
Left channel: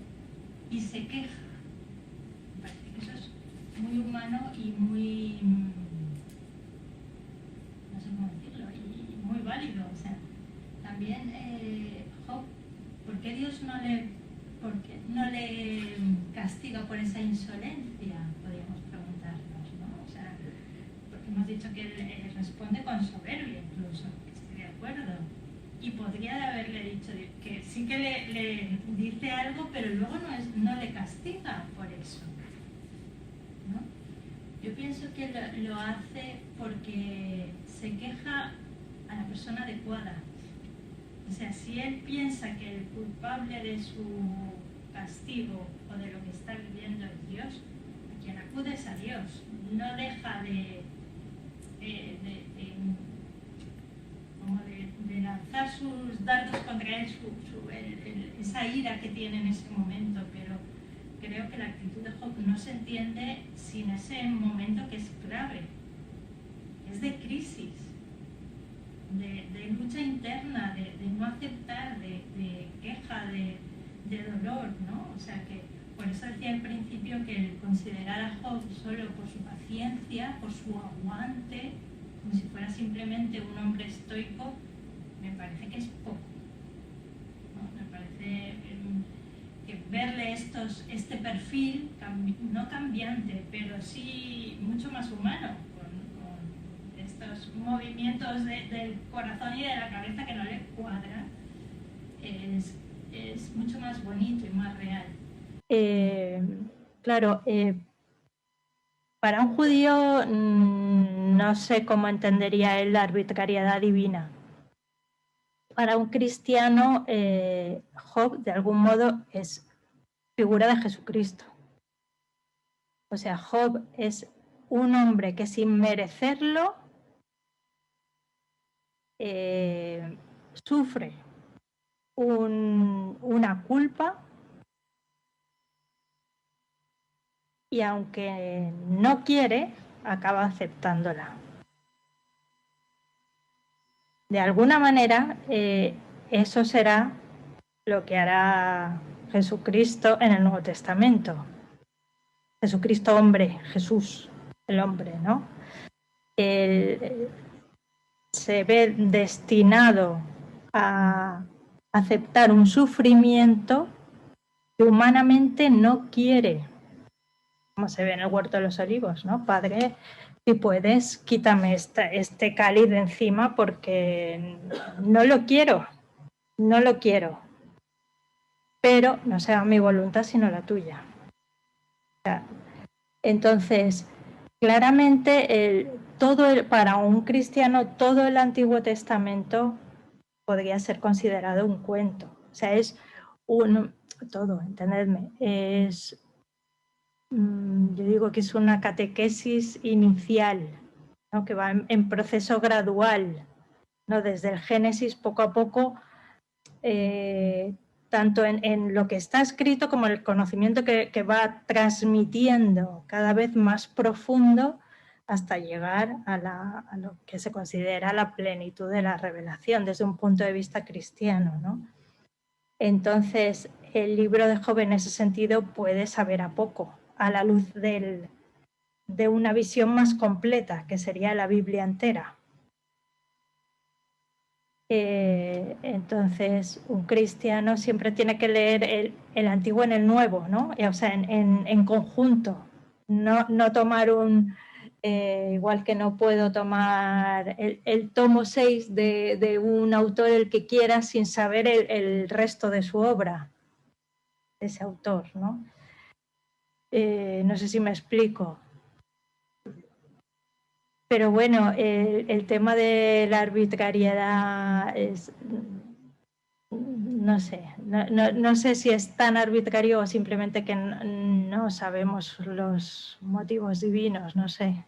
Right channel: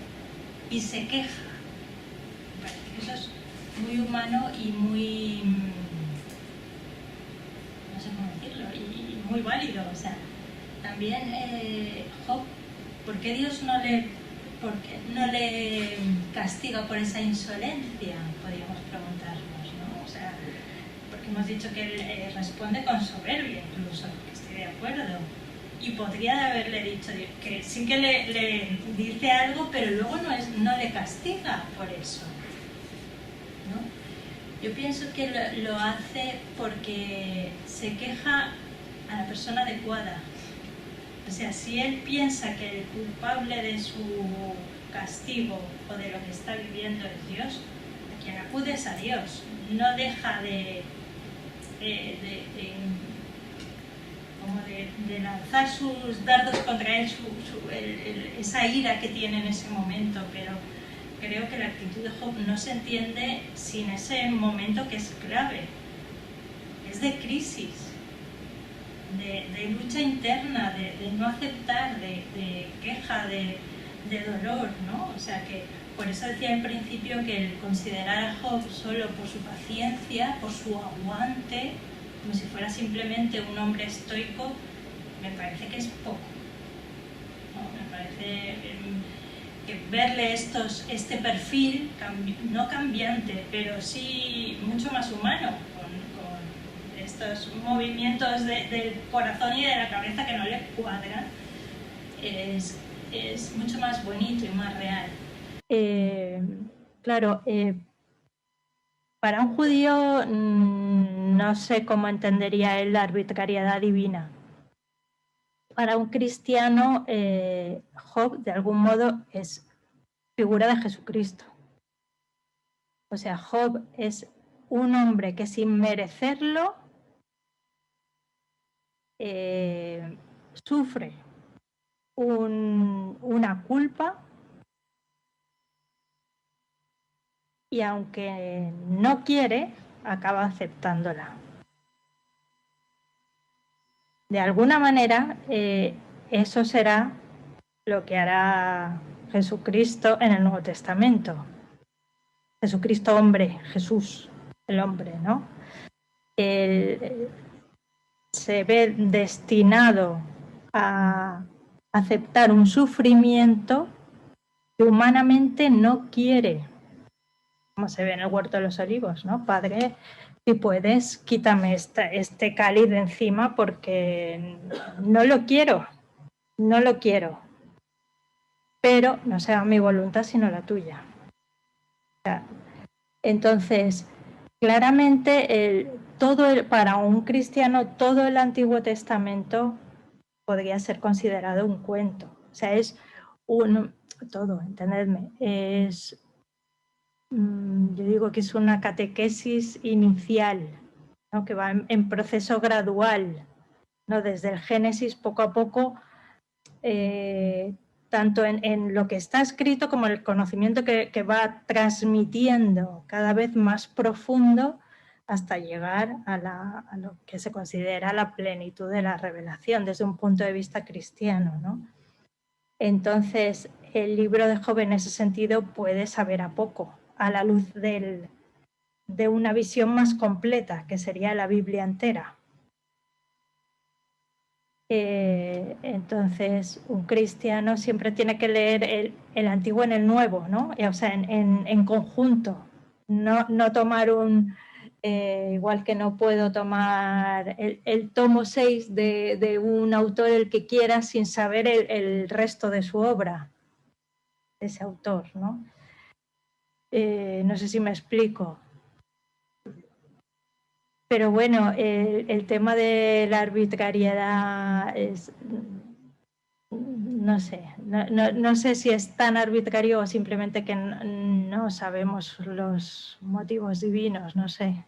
y se queja. Me parece que eso es muy humano y muy, no sé cómo decirlo, y muy válido. O sea, también Job, ¿por qué Dios no le castiga por esa insolencia? Podríamos preguntarnos, ¿no? O sea, porque hemos dicho que él responde con soberbia, incluso, que estoy de acuerdo. Y podría haberle dicho que sí que le dice algo, pero luego no le castiga por eso, ¿no? Yo pienso que lo hace porque se queja a la persona adecuada. O sea, si él piensa que el culpable de su castigo o de lo que está viviendo es Dios, a quien acude es a Dios. No deja de lanzar sus dardos contra él, esa ira que tiene en ese momento, pero creo que la actitud de Job no se entiende sin ese momento que es clave. Es de crisis, de lucha interna, de no aceptar, de queja, de dolor, ¿no? O sea que por eso decía en principio que el considerar a Job solo por su paciencia, por su aguante, como si fuera simplemente un hombre estoico, me parece que es poco, ¿no? Me parece que verle este perfil, no cambiante, pero sí mucho más humano, con estos movimientos del corazón y de la cabeza que no le cuadran, es mucho más bonito y más real. Claro, para un judío no sé cómo entendería él la arbitrariedad divina. Para un cristiano, Job de algún modo es figura de Jesucristo. O sea, Job es un hombre que sin merecerlo sufre una culpa y aunque no quiere, acaba aceptándola. De alguna manera, eso será lo que hará Jesucristo en el Nuevo Testamento. Jesucristo hombre, Jesús, el hombre, ¿no? Él se ve destinado a aceptar un sufrimiento que humanamente no quiere, como se ve en el Huerto de los Olivos, ¿no? Padre, si puedes, quítame este cáliz de encima porque no lo quiero, pero no sea mi voluntad sino la tuya. O sea, entonces, claramente, para un cristiano, todo el Antiguo Testamento podría ser considerado un cuento. O sea, es todo, entendedme, yo digo que es una catequesis inicial, ¿no? Que va en proceso gradual, ¿no? Desde el Génesis, poco a poco, tanto en lo que está escrito como el conocimiento que va transmitiendo cada vez más profundo hasta llegar a lo que se considera la plenitud de la revelación desde un punto de vista cristiano, ¿no? Entonces, el libro de Job en ese sentido puede saber a poco, a la luz de una visión más completa, que sería la Biblia entera. Entonces, un cristiano siempre tiene que leer el Antiguo en el Nuevo, ¿no? O sea, en conjunto. No tomar igual que no puedo tomar el tomo 6 de un autor, el que quiera, sin saber el resto de su obra, de ese autor, ¿no? No sé si me explico. Pero bueno, el tema de la arbitrariedad es, no sé, no sé si es tan arbitrario o simplemente que no sabemos los motivos divinos, no sé.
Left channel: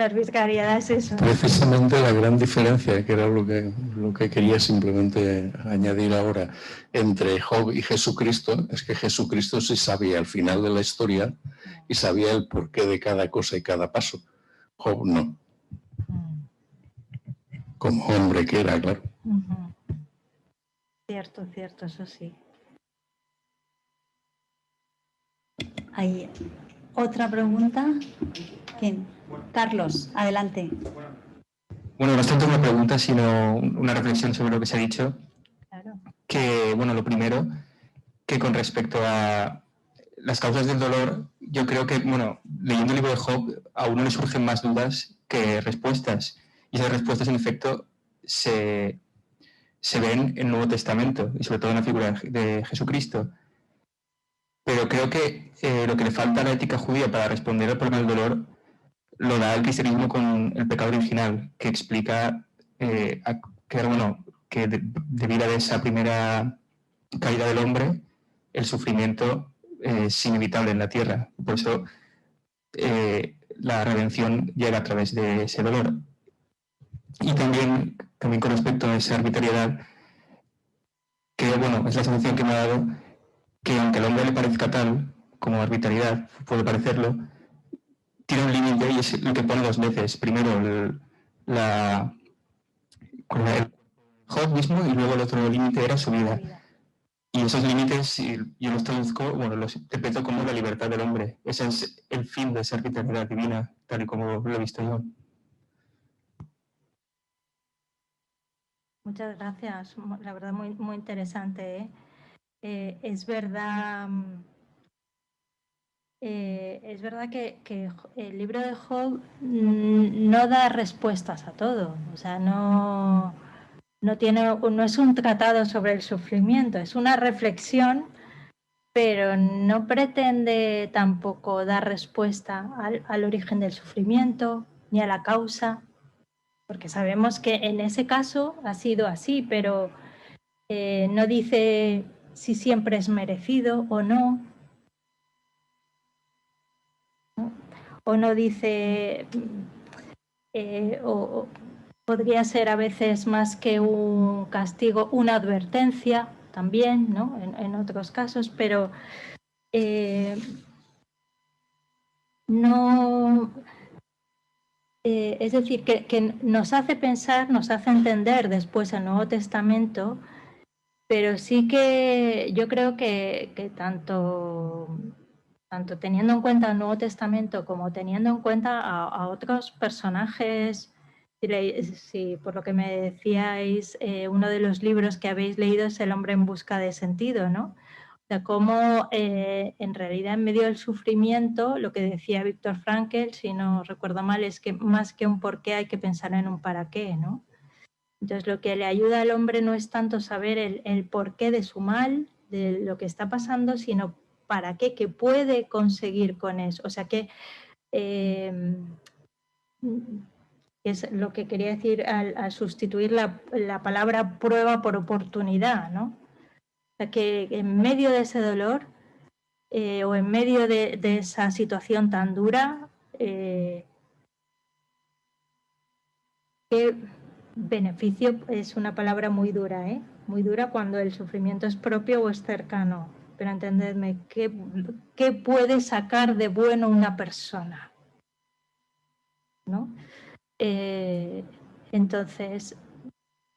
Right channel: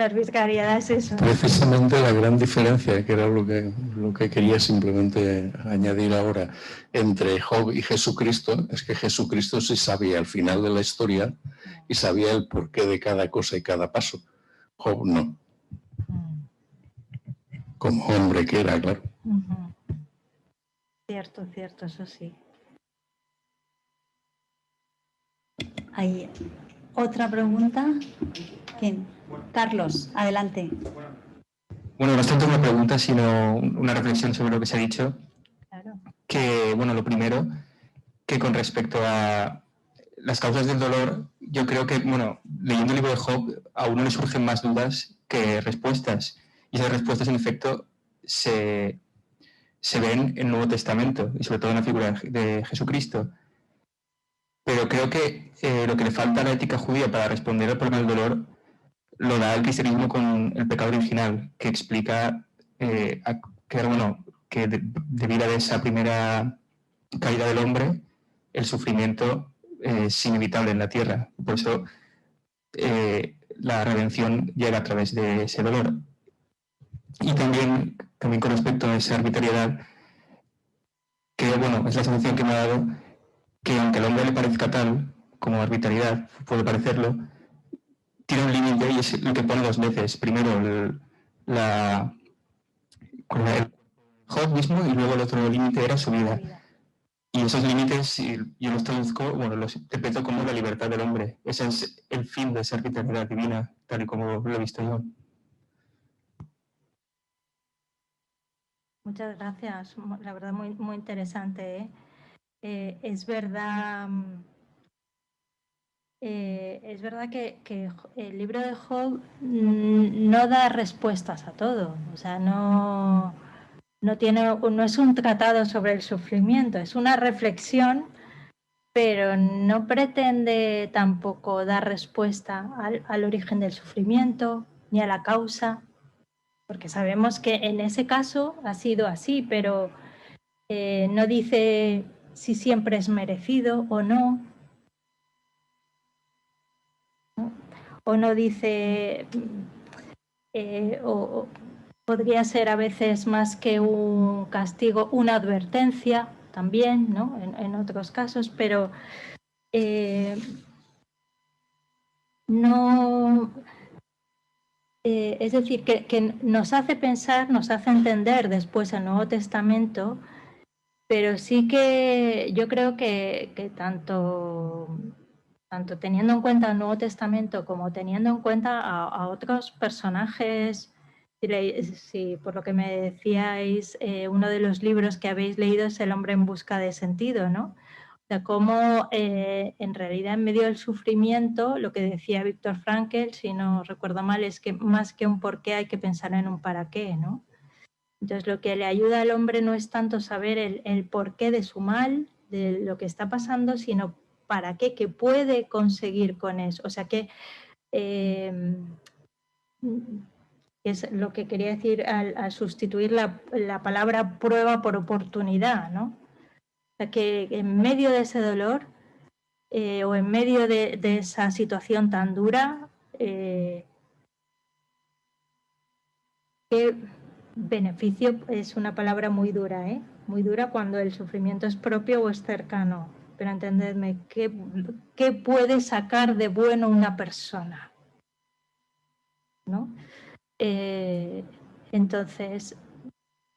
La arbitrariedad es eso. Precisamente la gran diferencia, que era lo que quería simplemente añadir ahora, entre Job y Jesucristo, es que Jesucristo sí sabía al final de la historia y sabía el porqué de cada cosa y cada paso. Job no. Como hombre que era, claro. Cierto, cierto, eso sí. ¿Hay otra pregunta? ¿Quién? Carlos, adelante. Bueno, no es tanto una pregunta, sino una reflexión sobre lo que se ha dicho. Claro. Que, bueno, lo primero, que con respecto a las causas del dolor, yo creo que, bueno, leyendo el libro de Job, a uno le surgen más dudas que respuestas. Y esas respuestas, en efecto, se ven en el Nuevo Testamento, y sobre todo en la figura de Jesucristo. Pero creo que lo que le falta a la ética judía para responder al problema del dolor lo da el cristianismo con el pecado original, que explica que debido a esa primera caída del hombre, el sufrimiento es inevitable en la tierra. Por eso la redención llega a través de ese dolor. Y también con respecto a esa arbitrariedad, que bueno, es la sensación que me ha dado, que aunque al hombre le parezca tal como arbitrariedad, puede parecerlo, tiene un límite y es lo que pone dos veces. Primero el Job mismo y luego el otro límite era su vida. Y esos límites, yo los traduzco, bueno, los interpreto como la libertad del hombre. Ese es el fin de esa arbitrariedad divina, tal y como lo he visto yo. Muchas gracias, la verdad muy, muy interesante. Es verdad que el libro de Job no da respuestas a todo, o sea, no es un tratado sobre el sufrimiento, es una reflexión, pero no pretende tampoco dar respuesta al origen del sufrimiento ni a la causa, porque sabemos que en ese caso ha sido así, pero no dice si siempre es merecido o no. O no dice, o podría ser a veces más que un castigo, una advertencia también, ¿no? En otros casos, pero no... es decir, que nos hace pensar, nos hace entender después el Nuevo Testamento, pero sí que yo creo que tanto teniendo en cuenta el Nuevo Testamento como teniendo en cuenta a otros personajes, si por lo que me decíais, uno de los libros que habéis leído es El hombre en busca de sentido, ¿no? O sea, cómo en realidad en medio del sufrimiento, lo que decía Viktor Frankl, si no recuerdo mal, es que más que un por qué hay que pensar en un para qué, ¿no? Entonces lo que le ayuda al hombre no es tanto saber el porqué de su mal, de lo que está pasando, sino para qué, qué puede conseguir con eso. O sea que es lo que quería decir al sustituir la palabra prueba por oportunidad, ¿no? O sea que en medio de ese dolor o en medio de esa situación tan dura, ¿qué beneficio? Es una palabra muy dura, muy dura cuando el sufrimiento es propio o es cercano. Pero entendedme, ¿qué puede sacar de bueno una persona? ¿No? Entonces,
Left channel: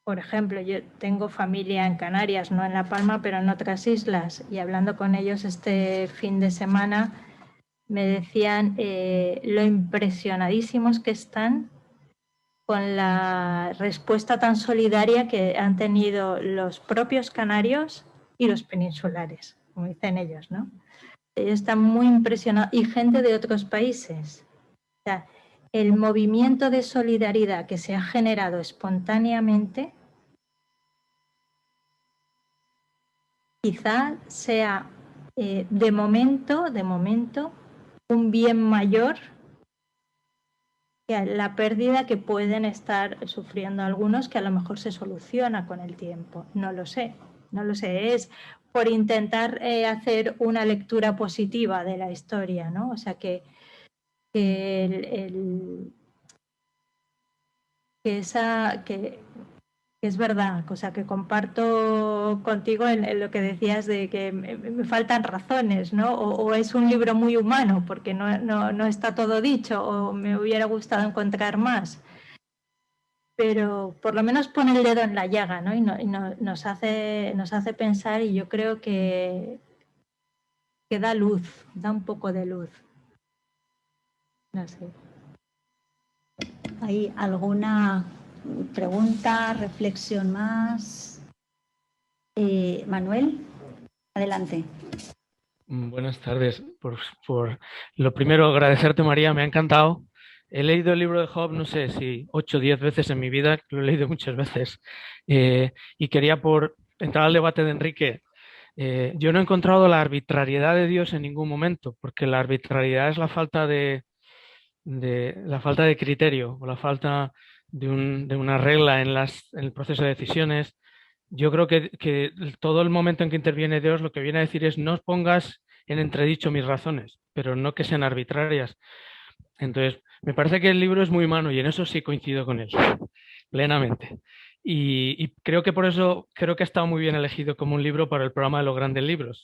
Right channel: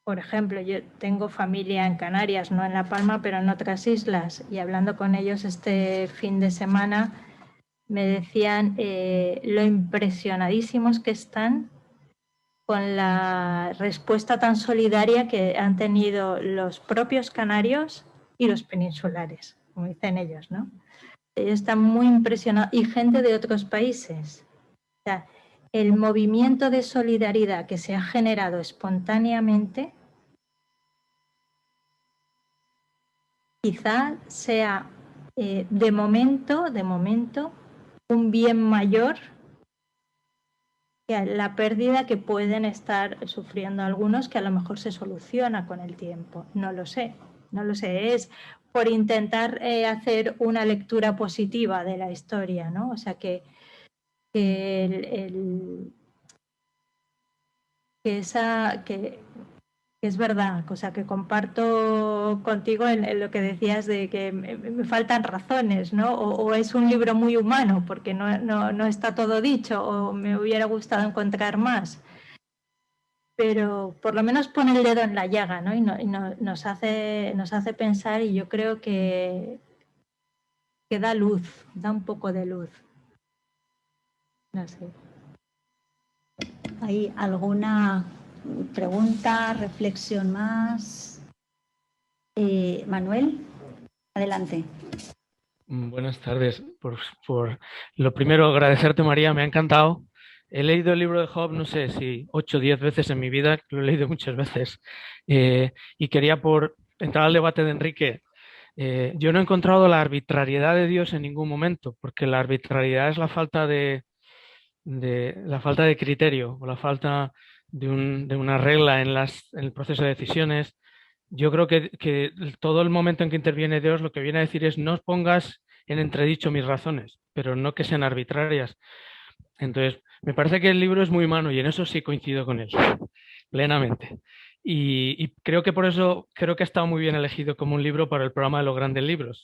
por ejemplo, yo tengo familia en Canarias, no en La Palma, pero en otras islas, y hablando con ellos este fin de semana, me decían lo impresionadísimos que están con la respuesta tan solidaria que han tenido los propios canarios y los peninsulares, como dicen ellos, ¿no? Ellos están muy impresionados, y gente de otros países. O sea, el movimiento de solidaridad que se ha generado espontáneamente quizá sea de momento un bien mayor que la pérdida que pueden estar sufriendo algunos, que a lo mejor se soluciona con el tiempo. No lo sé, es por intentar hacer una lectura positiva de la historia, ¿no? O sea que que es verdad, o sea, que comparto contigo en lo que decías de que me faltan razones, ¿no? O es un libro muy humano porque no está todo dicho, o me hubiera gustado encontrar más. Pero por lo menos pone el dedo en la llaga, ¿no? Y nos hace pensar, y yo creo que da luz, da un poco de luz. No sé. ¿Hay alguna pregunta, reflexión más? Manuel, adelante. Buenas tardes. Por lo primero, agradecerte, María, me ha encantado. He leído el libro de Job, no sé si 8 o 10 veces en mi vida, lo he leído muchas veces. Y quería, por entrar al debate de Enrique, yo no he encontrado la arbitrariedad de Dios en ningún momento, porque la arbitrariedad es la falta de criterio o la falta de una regla en el proceso de decisiones. Yo creo que todo el momento en que interviene Dios lo que viene a decir es no os pongas en entredicho mis razones, pero no que sean arbitrarias. Entonces, me parece que el libro es muy humano y en eso sí coincido con él, plenamente. Y creo que por eso creo que ha estado muy bien elegido como un libro para el programa de los grandes libros,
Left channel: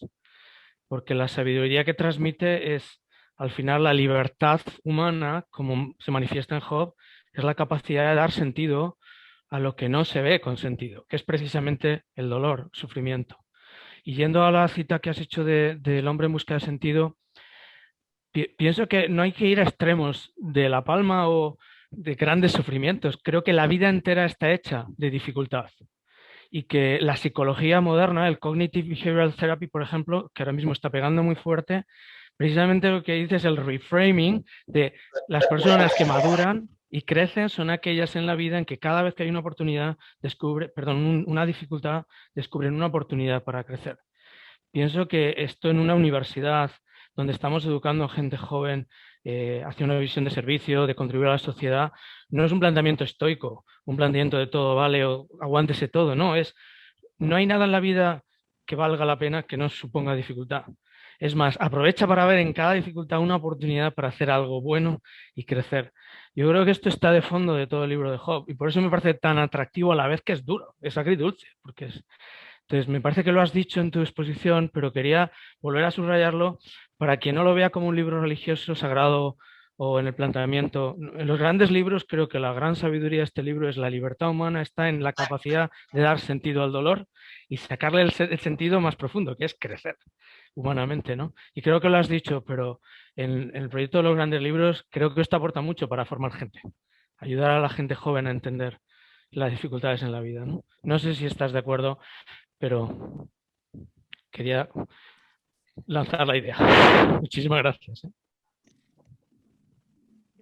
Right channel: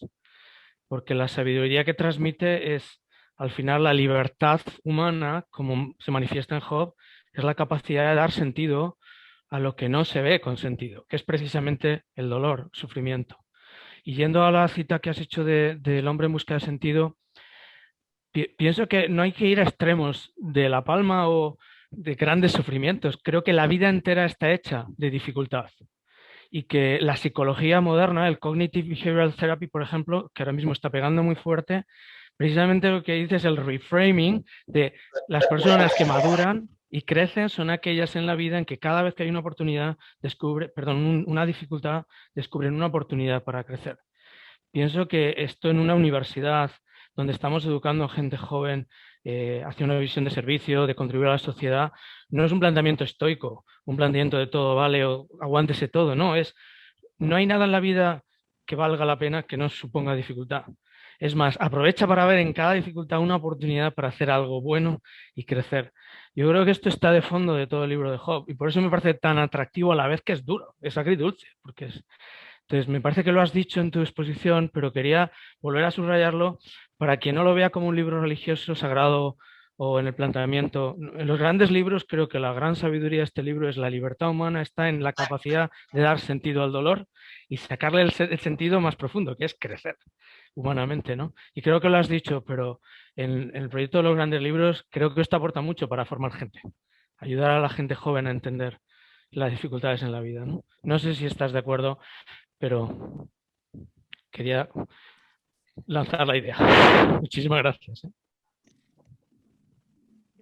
porque la sabiduría que transmite es, al final, la libertad humana, como se manifiesta en Job, es la capacidad de dar sentido a lo que no se ve con sentido, que es precisamente el dolor, el sufrimiento. Y yendo a la cita que has hecho del hombre en busca de sentido, pienso que no hay que ir a extremos de la palma o de grandes sufrimientos. Creo que la vida entera está hecha de dificultad y que la psicología moderna, el Cognitive Behavioral Therapy, por ejemplo, que ahora mismo está pegando muy fuerte, precisamente lo que dice es el reframing de las personas que maduran y crecen son aquellas en la vida en que cada vez que hay una oportunidad, una dificultad, descubren una oportunidad para crecer. Pienso que esto en una universidad donde estamos educando a gente joven hacia una visión de servicio, de contribuir a la sociedad, no es un planteamiento estoico, un planteamiento de todo vale o aguántese todo, no hay nada en la vida que valga la pena que no suponga dificultad. Es más, aprovecha para ver en cada dificultad una oportunidad para hacer algo bueno y crecer. Yo creo que esto está de fondo de todo el libro de Job y por eso me parece tan atractivo a la vez que es duro, es agridulce, porque es... Entonces, me parece que lo has dicho en tu exposición, pero quería volver a subrayarlo para quien no lo vea como un libro religioso, sagrado o en el planteamiento. En los grandes libros creo que la gran sabiduría de este libro es la libertad humana, está en la capacidad de dar sentido al dolor y sacarle el sentido más profundo, que es crecer humanamente, ¿no? Y creo que lo has dicho, pero en el proyecto de los grandes libros creo que esto aporta mucho para formar gente, ayudar a la gente joven a entender las dificultades en la vida, ¿no? No sé si estás de acuerdo, pero quería lanzar la idea. Muchísimas gracias.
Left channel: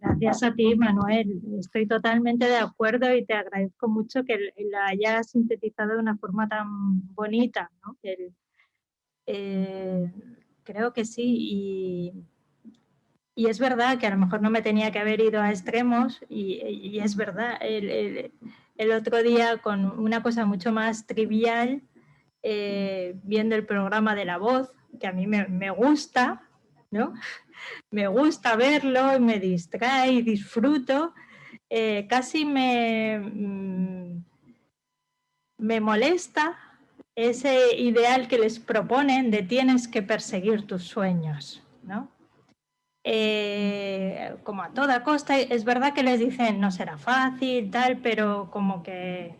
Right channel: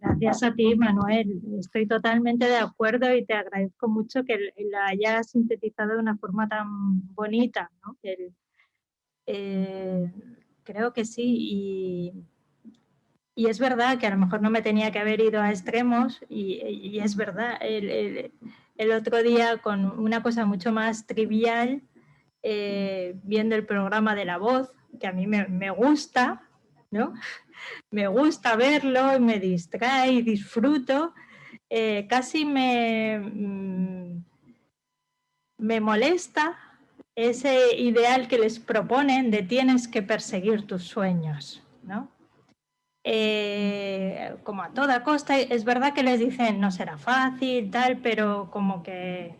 Gracias a ti, Manuel. Estoy totalmente de acuerdo y te agradezco mucho que la hayas sintetizado de una forma tan bonita, ¿no? Creo que sí. Y es verdad que a lo mejor no me tenía que haber ido a extremos y es verdad. El otro día, con una cosa mucho más trivial, viendo el programa de La Voz, que a mí me gusta, ¿no? Me gusta verlo, me distrae y disfruto. Casi me molesta ese ideal que les proponen de tienes que perseguir tus sueños, ¿no? Como a toda costa, es verdad que les dicen no será fácil, tal, pero como que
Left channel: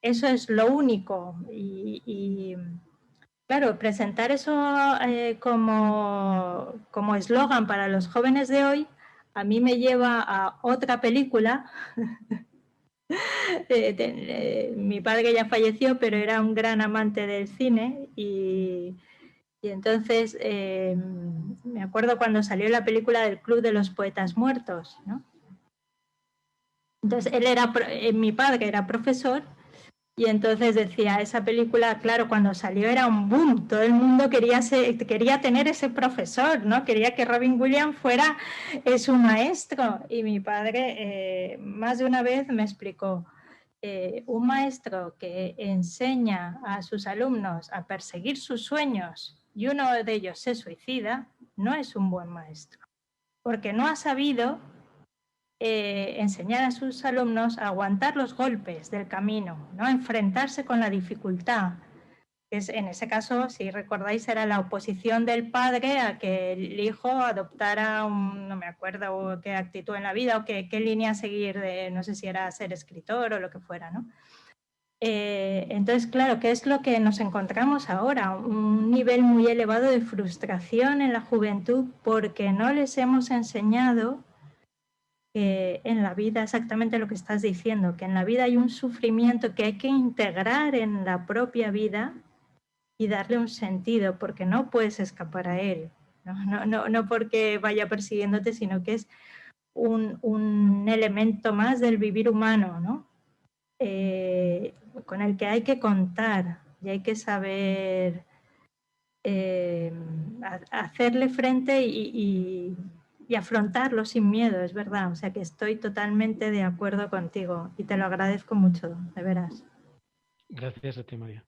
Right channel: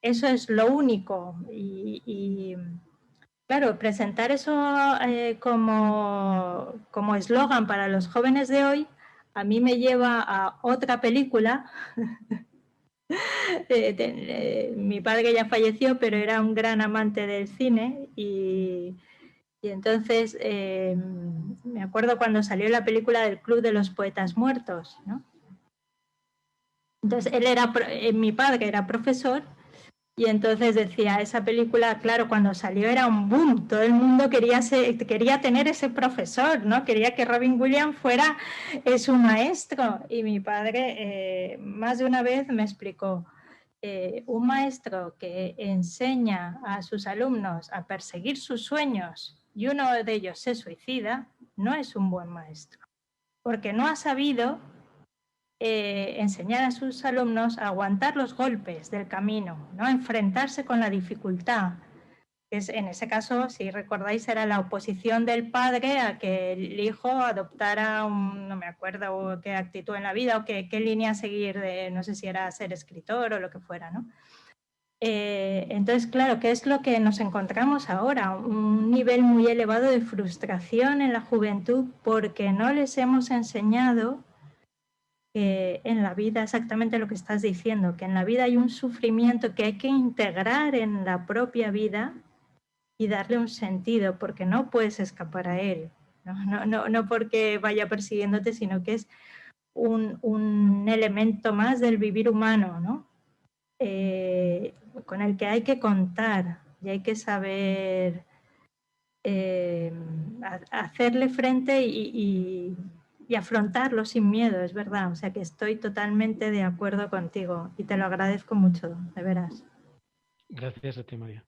eso es lo único y claro, presentar eso como eslogan para los jóvenes de hoy a mí me lleva a otra película. Mi padre ya falleció, pero era un gran amante del cine y entonces me acuerdo cuando salió la película del Club de los Poetas Muertos, ¿no? Entonces mi padre era profesor y entonces decía, esa película, claro, cuando salió era un boom, todo el mundo quería tener ese profesor, ¿no? Quería que Robin Williams fuera su maestro. Y mi padre más de una vez me explicó, un maestro que enseña a sus alumnos a perseguir sus sueños y uno de ellos se suicida, no es un buen maestro, porque no ha sabido enseñar a sus alumnos a aguantar los golpes del camino, ¿no? A enfrentarse con la dificultad. En ese caso, si recordáis, era la oposición del padre a que el hijo adoptara no me acuerdo qué actitud en la vida o qué línea seguir, no sé si era ser escritor o lo que fuera, ¿no? Entonces, claro, ¿qué es lo que nos encontramos ahora? Un nivel muy elevado de frustración en la juventud porque no les hemos enseñado que en la vida, exactamente lo que estás diciendo, que en la vida hay un sufrimiento que hay que integrar en la propia vida y darle un sentido, porque no puedes escapar a él, no porque vaya persiguiéndote, sino que es un elemento más del vivir humano, ¿no? Con el que hay que contar y hay que saber hacerle frente y afrontarlo sin miedo, es verdad. O sea que estoy totalmente de acuerdo contigo y te lo agradezco mucho, de veras. Gracias a ti, María.